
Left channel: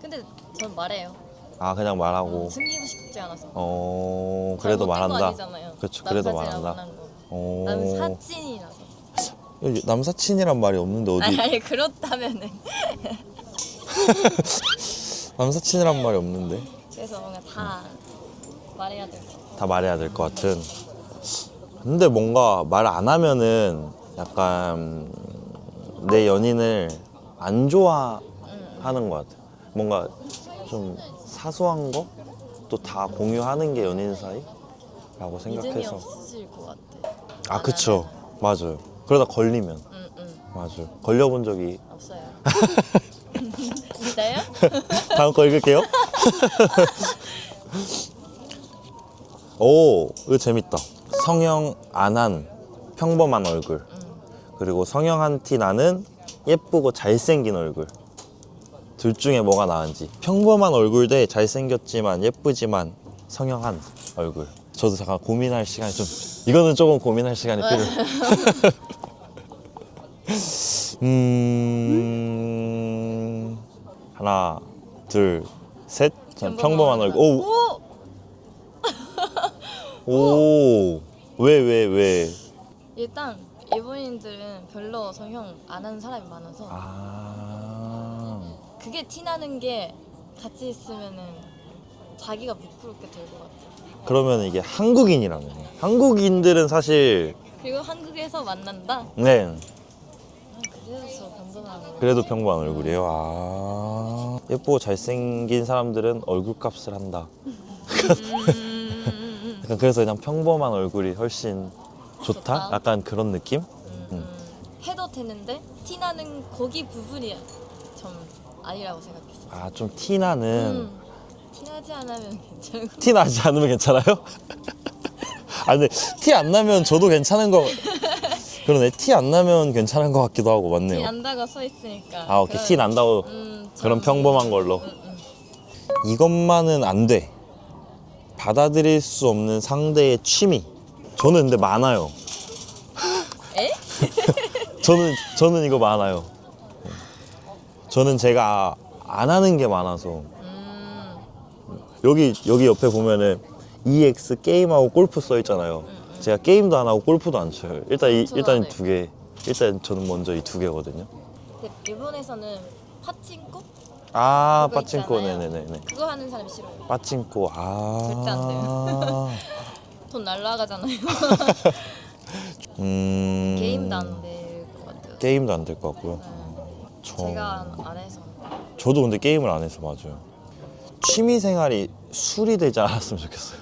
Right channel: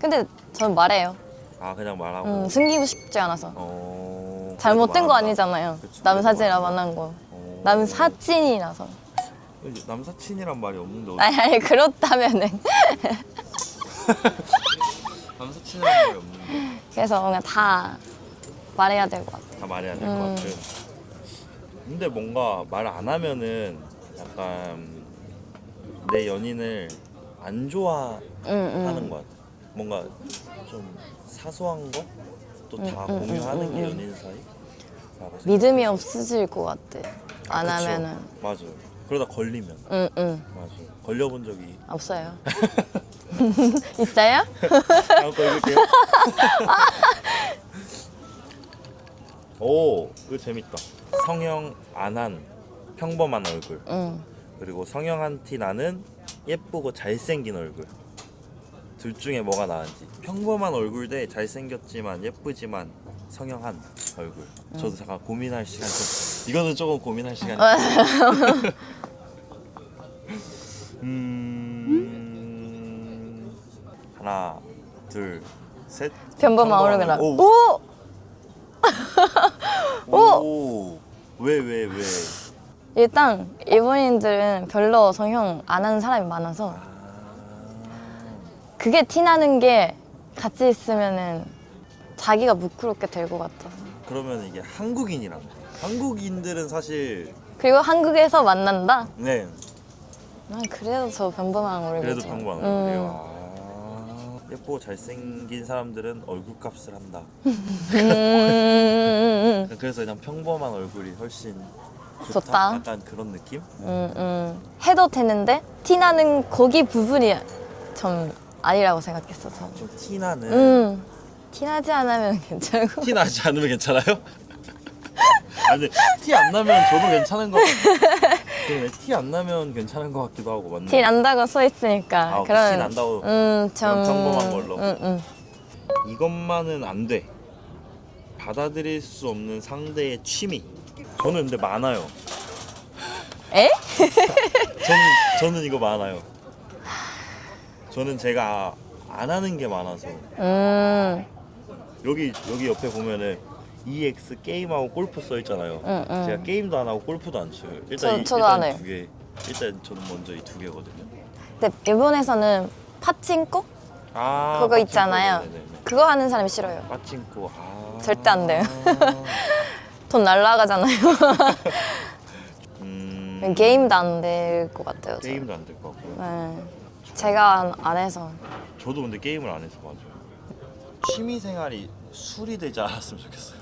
근데 저는 말해요. 아, 그냥 말하고. 숨기고 싶지 않아서. 그래도 잘못된 거 말한다. 아니잖아요. 그쵸, 남사친이랑 그래도 만난 거. 오. 남사친이라서. 여기 남사친이란 말이 없는데 어디? 아니 그렇다면은. 남사친이란 말이 없는데. 그래서 뭔가 다 말해야 될 것 같아. 다 말해야 될 것 같은. 근데 뭔가 말 안 하면은 약간 내 연인을 안 좋아하는 것 같아. 뭔가 좀 사소한 것도 다 공유하는 게 연인 사이라고 생각해서. 믿음이 없어질 것 같아. 아, 안 그쵸. 하면은. 맞아요. 그러다 걸리면. 응. 맞아요. 걸려본 적이. 없어요. 있어요? 다음 거 읽을게요. 오, 이거 재밌다. 성형 안 한 평범한 얼굴. 그리고 성형한 티 나는 예쁘고 잘생긴 얼굴. 둘 중에 뭐가 나은지. 평범한 얼굴 대 잘생겼지만 예쁘지만 성형한 얼굴. 저도 잠깐 고민할 시간 좀. 이거는 조금 고민할 시간이 필요해요. 하나, 둘, 셋. 평범한 얼굴. 오! 오! 오! 왜? 일단 일본인들은 별로 성형 안 하는 사람이 많아서 그게 티나는 게 같이 있으면은 자기가 부끄럽게 될 것 같아. 그러면 이게 한국인이라면 한국인들은 사실 그리고 한국에서 만난다? 네, 난 그래도 저 평범한 얼굴. 그래도 평범한 얼굴이에요. 아, 예쁘고 잘생긴 사람들은 얼굴값을 한다. 약간 그래서 그냥 평범한 얼굴이 훨씬 좋다? 좋다. 약간 그런 느낌? 해도 되는데 티나는 거기 부분이 좀 아니라고 생각했어. 아, 좀 티나는. 티나지 않으면 괜찮고. 티 나지 않으면 괜찮아요? 아, 근데 티 안 나면 저도 괜찮은 거. 그러네. 티 안 나면 괜찮은 것 같기도 하고, 맞네. 티 난다고 써 있으니까. 아, 오케이. 티 난다고. 그럼 평범한 걸로. 이것만은 안 돼. 받아들일 수 없는 상대의 취미. 저는 근데 많아요. 에? 저는 이거 많아요. 저는 제가 안 하는 게 많아서. 여기 옆에 보면은 EX 게임하고 골프 써 있잖아요. 제가 게임도 안 하고 골프도 안 쳐요. 저도 안 일단 해요. 두 개. 일단 저는 먼저 이 두 개거든요. 근데 일본에서는 파친코? 아, 그거 빠찡코. 있잖아요. 네네네. 그거 하는 사람이 싫어요. 빠찡코. 아. 절대 안 돼요. 돈 날라가잖아요. 게임도 안 될 것 같아요. 게임도 안 될 것 같고요. 네. 제가 안 해서. 저도 근데 게임을 안 해서 맞아요. 취미 생활이 술이 되지 않았으면 좋겠어요.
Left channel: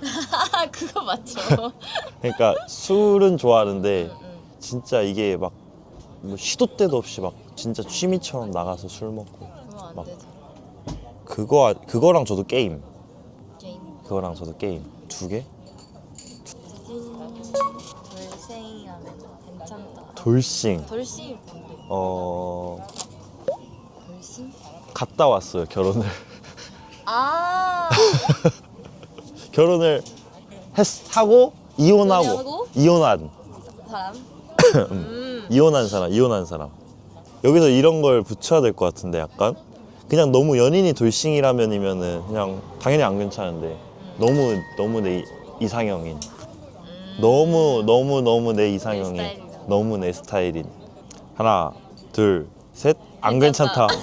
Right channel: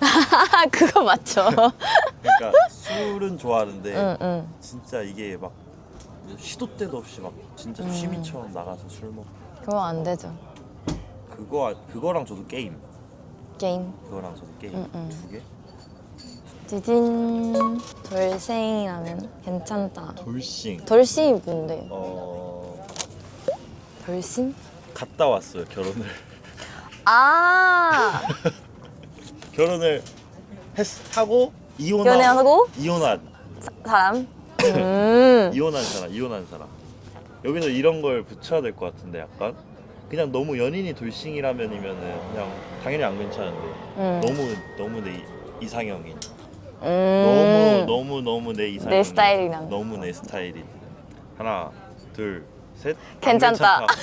그거 맞죠? 그러니까 술은 좋아하는데 응. 진짜 이게 막뭐 시도 때도 없이 막 진짜 취미처럼 나가서 술 먹고 그거 안 되죠. 그거랑 저도 게임. 게임. 그거랑 저도 게임 두 개? 지진 돌싱이라면 괜찮다. 돌싱. 돌싱이 뭔데? 돌싱? 갔다 왔어요, 결혼을. 아 결혼을 하고 연애하고? 이혼한 사람? 이혼한 사람. 여기서 이런 걸 붙여야 될 것 같은데 약간 그냥 너무 연인이 돌싱이라면이면은 그냥 당연히 안 괜찮은데 너무 내 이상형인 너무 내 이상형인 내 스타일이랑. 너무 내 스타일인 하나 둘 셋 안 괜찮다. 괜찮다.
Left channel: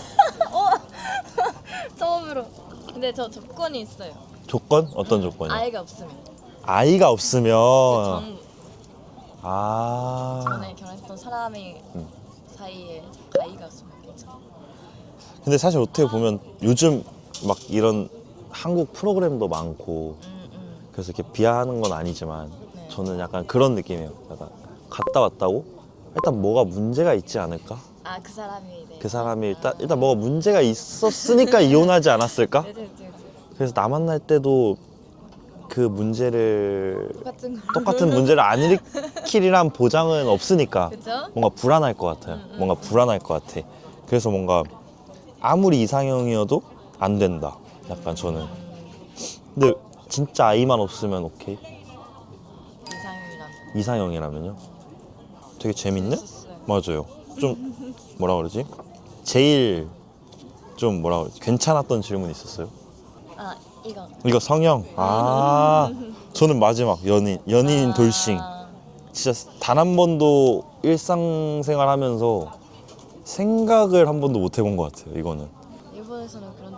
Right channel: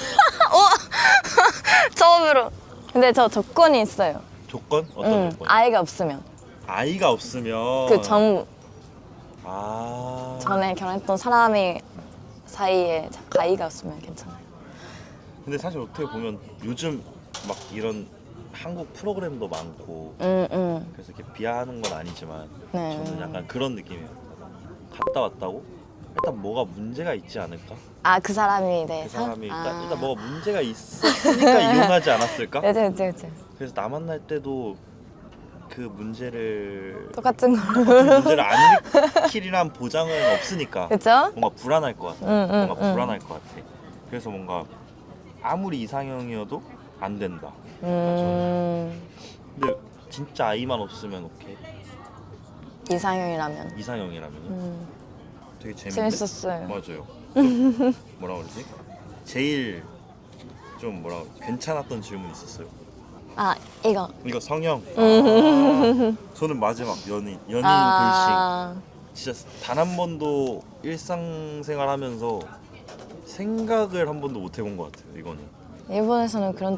처음으로. 근데 저 조건이 있어요. 조건? 어떤 조건이요? 아이가 없으면. 아이가 없으면 전에 결혼했던 사람이 사이에 아이가 없으면 괜찮아요. 근데 사실 어떻게 보면 요즘 막 이런 한국 프로그램도 많고 그래서 이렇게 비하하는 건 아니지만 네. 저는 약간 그런 느낌이에요. 약간 갔다 왔다고 일단 뭐가 문제가 있지 않을까? 아, 그 사람이 네. 그 사람이 일단 뭐가 문제가 있었으니까 이혼하지 않았을까? 그치. 그래서 나 만날 때도 그 문제를 똑같은 거. 똑같은 문제를 안 일으키리란 보장은 없으니까 그쵸? 뭔가 불안할 것 같아요. 뭔가 불안할 것 같아. 그래서 뭔가 아무리 이상형이어도 안 된다. 약간 저는. 근데 진짜 아이만 없으면 오케이. 이상형이라면. 이상형이라면요. 되게 재밌네. 재밌었어요. 맞아요. 좀 뭐라 그러지? 제일 좀 뭐라 그러지? 괜찮았던 질문 있었어요. 아, 이거. 이거 성형. 저는 마지막 연인 돌싱. 진짜 단 한 번도 일상생활하면서 생각을 한 번도 못 해본 것 같아요. 이거는. 일본에서는 그런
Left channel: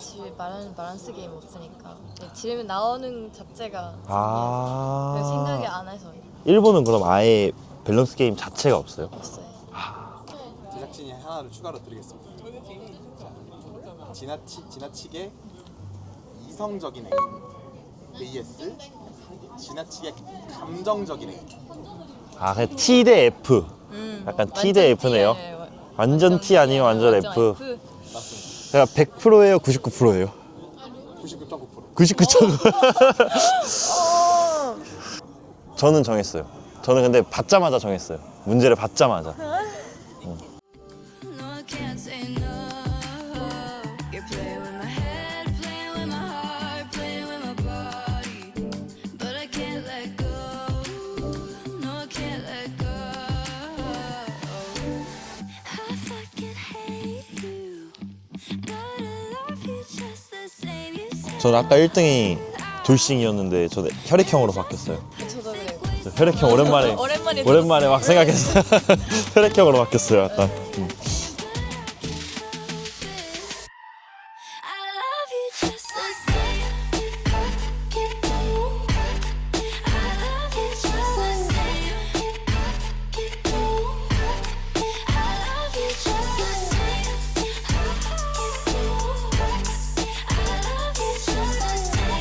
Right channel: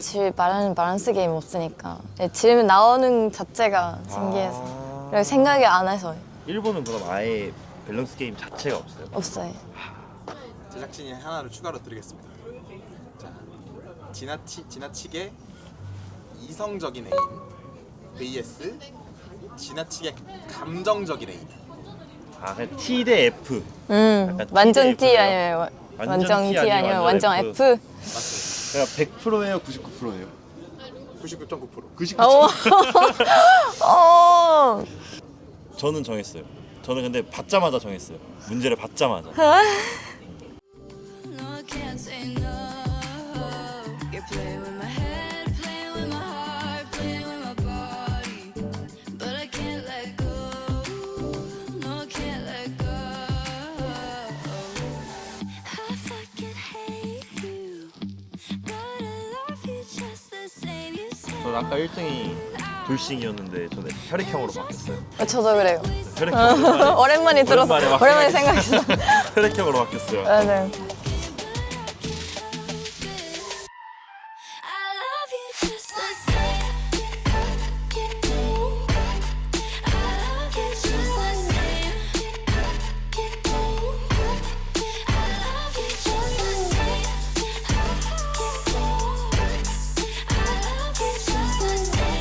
바란스 게임 없으니까 질문 나오는 자체가 신기해서 그리고 생각이 안 해서 일본은 그럼 아예 밸런스 게임 자체가 없어요? 없어요. 제작진이 하나를 추가로 드리겠습니다. 자, 지나치게 이성적인 애인 vs 지나치게 감정적인 애인. 그냥 T 대 F. 약간 T 대 완전 T F네요. 아니에요. 완전 T 아니에요, 완전 F. 맞습니다. 제가 100%예요, 99%예요? 99.9%. 99.9%. 어. 저는 정했어요. 저는 근데 받자마자 정했어요. 문제를 받자마자. No, I can't say no. You're playing with my head, playing with my heart, playing with my body. But I can't let go. No, I can't let go. I fucking hate you. But I love you just the same. You say 저는 아까 1등이 돌싱이었는데 저는 혈액형으로 바뀌었어요. 저도 그래요. 혈액형 오랜만에 들었어. 오랜만에 막 오랜만에 생각했어요. 혈액형으로 바뀌었어요. 약간. 맞아요. I love you just the same. I love you just the same. I love you just the same. I love you just the same.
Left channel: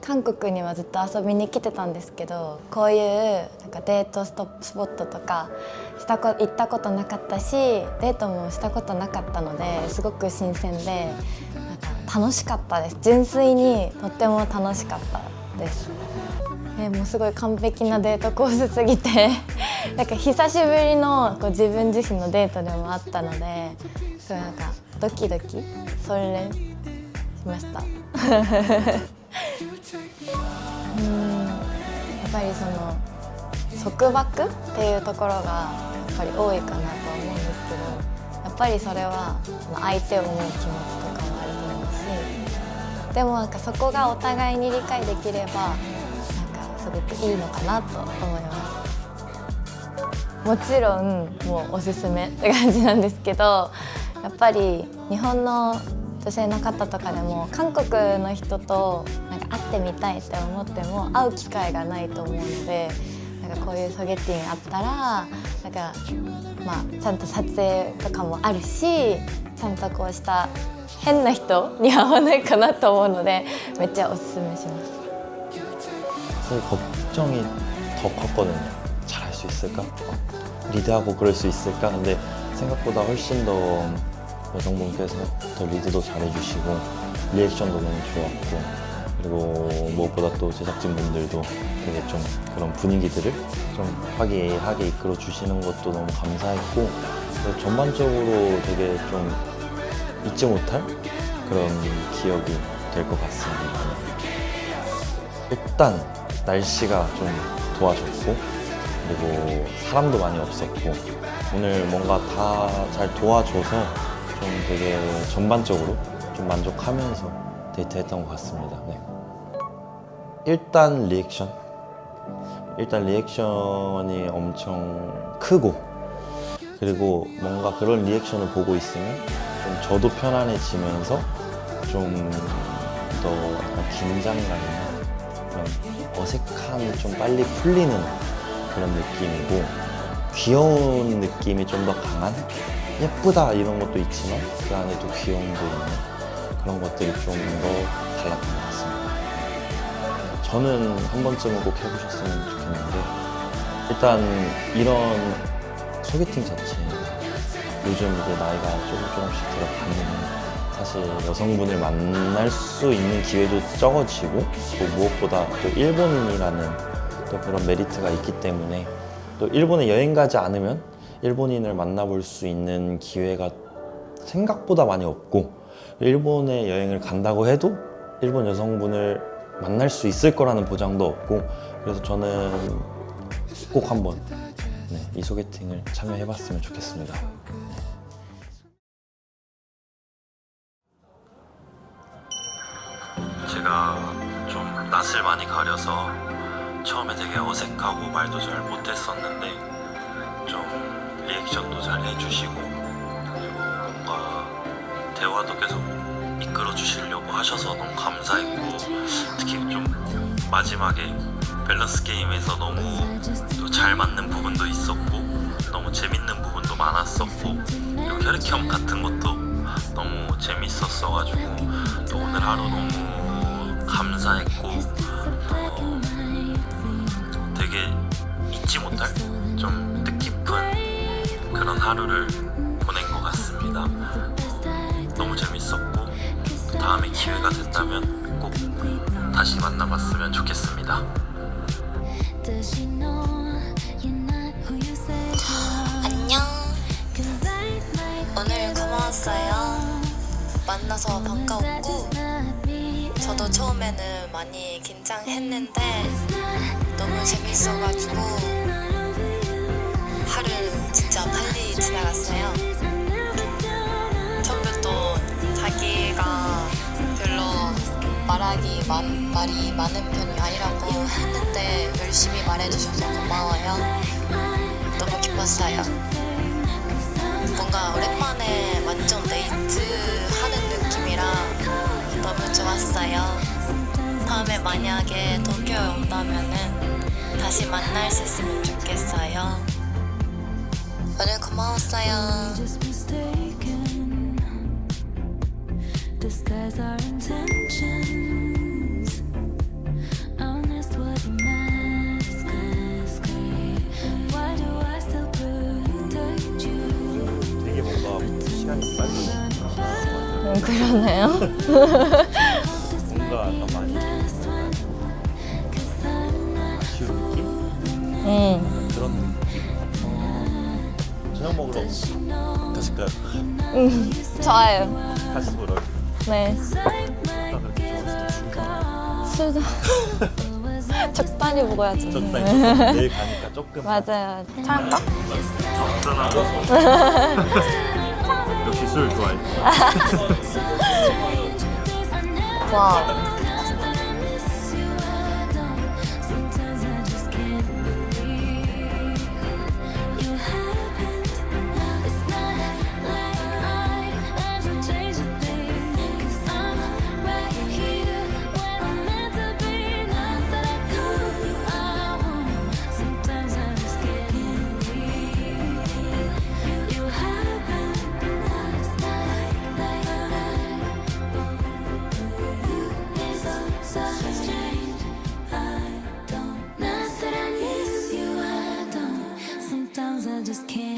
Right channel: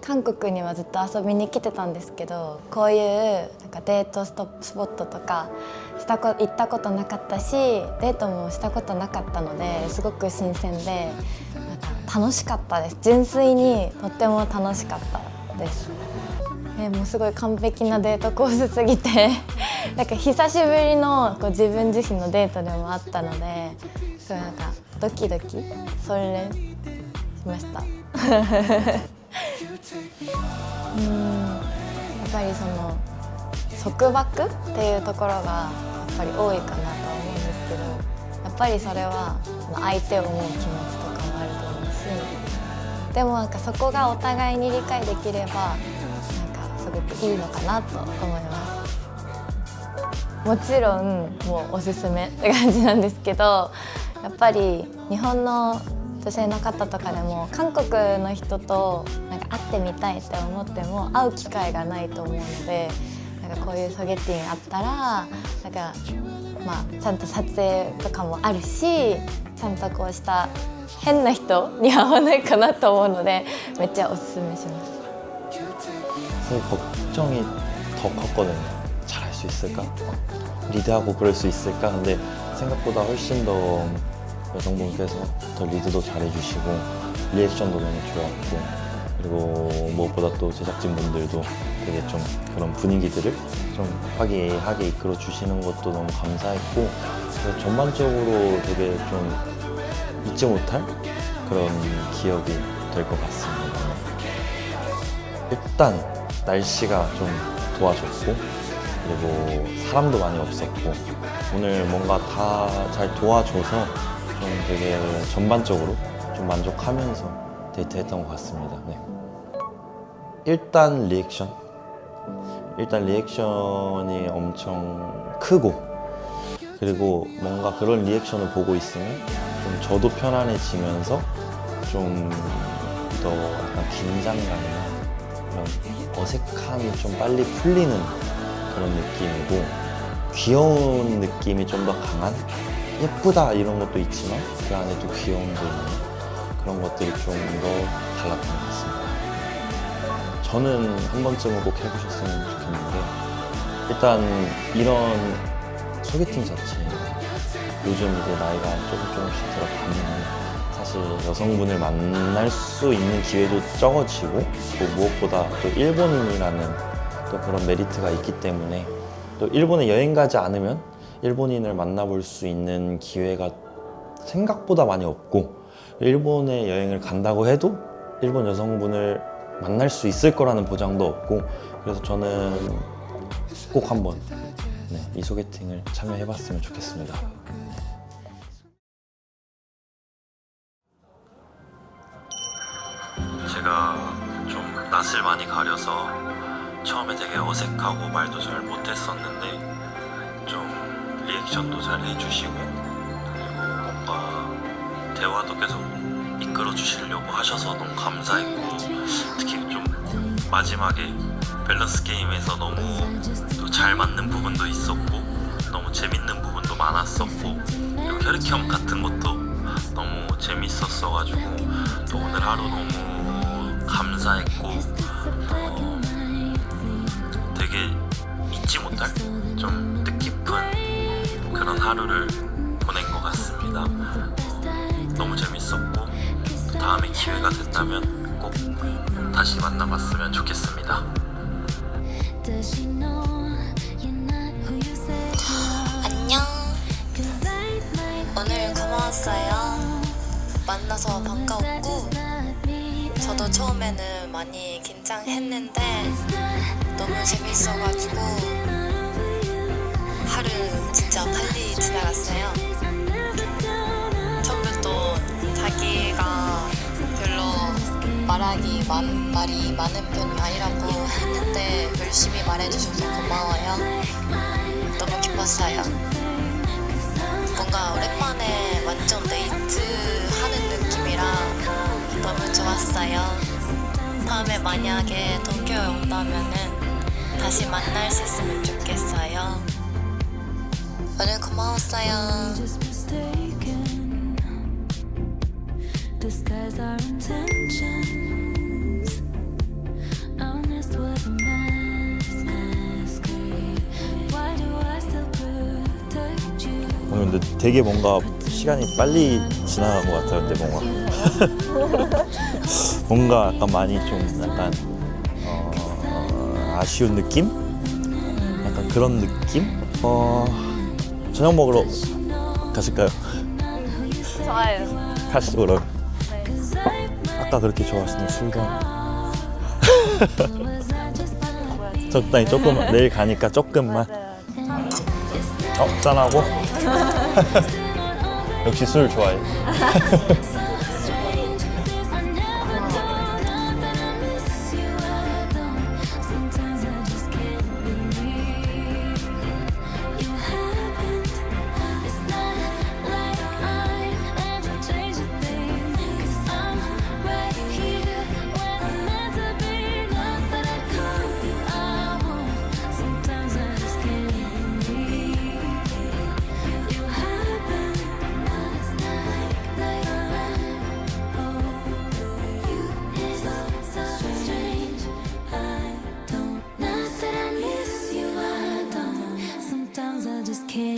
韓国にはずっと遊びに来てたんですけど、こういうなんかデートスポットとか行ったことなかったし、デートもしたことなかったのですごく新鮮でなんか楽しかったです。純粋にとっても楽しかったです。もうすごい完璧なデートコースすぎてなんか久しぶりのこう自分自身のデートでもあったので、すごいなんかドキドキそれしました。やっぱりその束縛っていうところがやっぱり多いかなとは思うんですけど、やっぱりそれはその相手を思う気持ちとかもあると思うし、でもなんかそこがお互いに理解できればなんかすごくいいのかなと思います。もちろんもうおすすめって感じなんですけど、やっぱり日本の女性の方とかでも韓国の人となんか会ってみたいって思っても会う機会がないと思うので、なんかこういうソゲティンあったらなんか、まあ、ちゃんと撮影とかもあるし、ちゃんとこうした変な人に会わないかなと思うのでめっちゃおすすめします。 사실 걱정이 더 컸거든요. 잘할 수 있을까? 리드하고 그럴 수 있을까? 근데 생각보다 훨씬 더 여성분께서 더 리드도 잘해주시고 리액션도 너무 좋았고, 그리고 무엇보다 또 제작진분들도 되게 좀 그런 분위기들을 좀 화기애애하게 이끌어 주시는 것도 너무 감사했고, 그래서 전반적으로 되게 좀 잊지 못할 그런 기억이 될 것 같습니다. 일단 날씨가 좀 도와줬고 그리고 사람도 많이 없었고 오늘 뭔가 다 잘 도와줘서 좀 되게 전반적으로 좀 만족하면서 데이트했던 것 같습니다. 네. 일단 리액션이 엄청 크고 그리고 뭔가 그런 리액션을 보고 있으면 좀 저도 편안해지면서 좀 더 약간 긴장감이나 그런 어색함이 좀 빨리 풀리는 그런 느낌이고 귀여운 느낌이 좀 더 강한 예쁘다 이런 것도 있지만 그 안에 또 귀여움도 있는 그런 것들이 좀 더 달랐던 것 같습니다. 저는 한 번쯤은 꼭 해보셨으면 좋겠는데 일단 이런 소개팅 자체가 요즘 이제 나이가 조금씩 들어가면 사실 여성분을 만날 수 있는 기회도 적어지고 또 무엇보다 또 일본인이라는 또 그런 메리트가 있기 때문에 또 일본에 여행 가지 않으면 일본인을 만나볼 수 있는 기회가 생각보다 많이 없고 일본에 여행을 간다고 해도 일본 여성분을 만날 수 있을 거라는 보장도 없고 그래서 저는 꼭 한번 이 소개팅을 참여해봤으면 좋겠습니다. 제가 좀 낯을 많이 가려서 처음에 되게 어색하고 말도 잘 못했었는데 좀 리액션도 잘 해주시고 그리고 뭔가 대화도 계속 이끌어 주시려고 하셔서 너무 감사했고 특히 좀 마지막에 밸런스 게임에서 너무 또 잘 맞는 부분도 있었고 너무 재밌는 부분도 많았었고 그리고 혈액형 같은 것도 너무 재밌었어가지고 또 오늘 하루 너무 감사했고 되게 잊지 못할 좀 뜻깊은 그런 하루를 보낸 것 같습니다. 너무 재밌었고 또 다음에 기회가 된다면 꼭 다시 만나봤으면 좋겠습니다. 안녕. 오늘 고마웠어요. 만나서 반가웠고 저도 처음에는 많이 긴장했는데 너무 재밌어가지고 하루 진짜 빨리 지나갔어요. 처음부터 자기가 별로 말이 많은 편이 아니라고 했는데 열심히 말해주셔서 고마워요. 너무 기뻤어요. 뭔가 오랜만에 완전 데이트하는 느낌이라 너무 좋았어요. 다음에 만약에 도쿄에 온다면은 다시 만날 수 있으면 좋겠어요. 오늘 고마웠어요. Disguise our intentions. Honest was a masquerade. Why do I still protect you? 근데 되게 뭔가 시간이 빨리 지나간 것 같아요. 그러네요. 뭔가 약간 많이 좀 약간 아쉬운 느낌? 약간 그런 느낌? 저녁 먹으러 가실까요? 좋아요. 가시죠 그럼. 네. 아까 그렇게 좋았으면 술도 적당히 먹어야지. 적당히 조금 내일 가니까 조금만. 맞아요. 참까? 짠하고. 역시 술 좋아해. 와. I just can't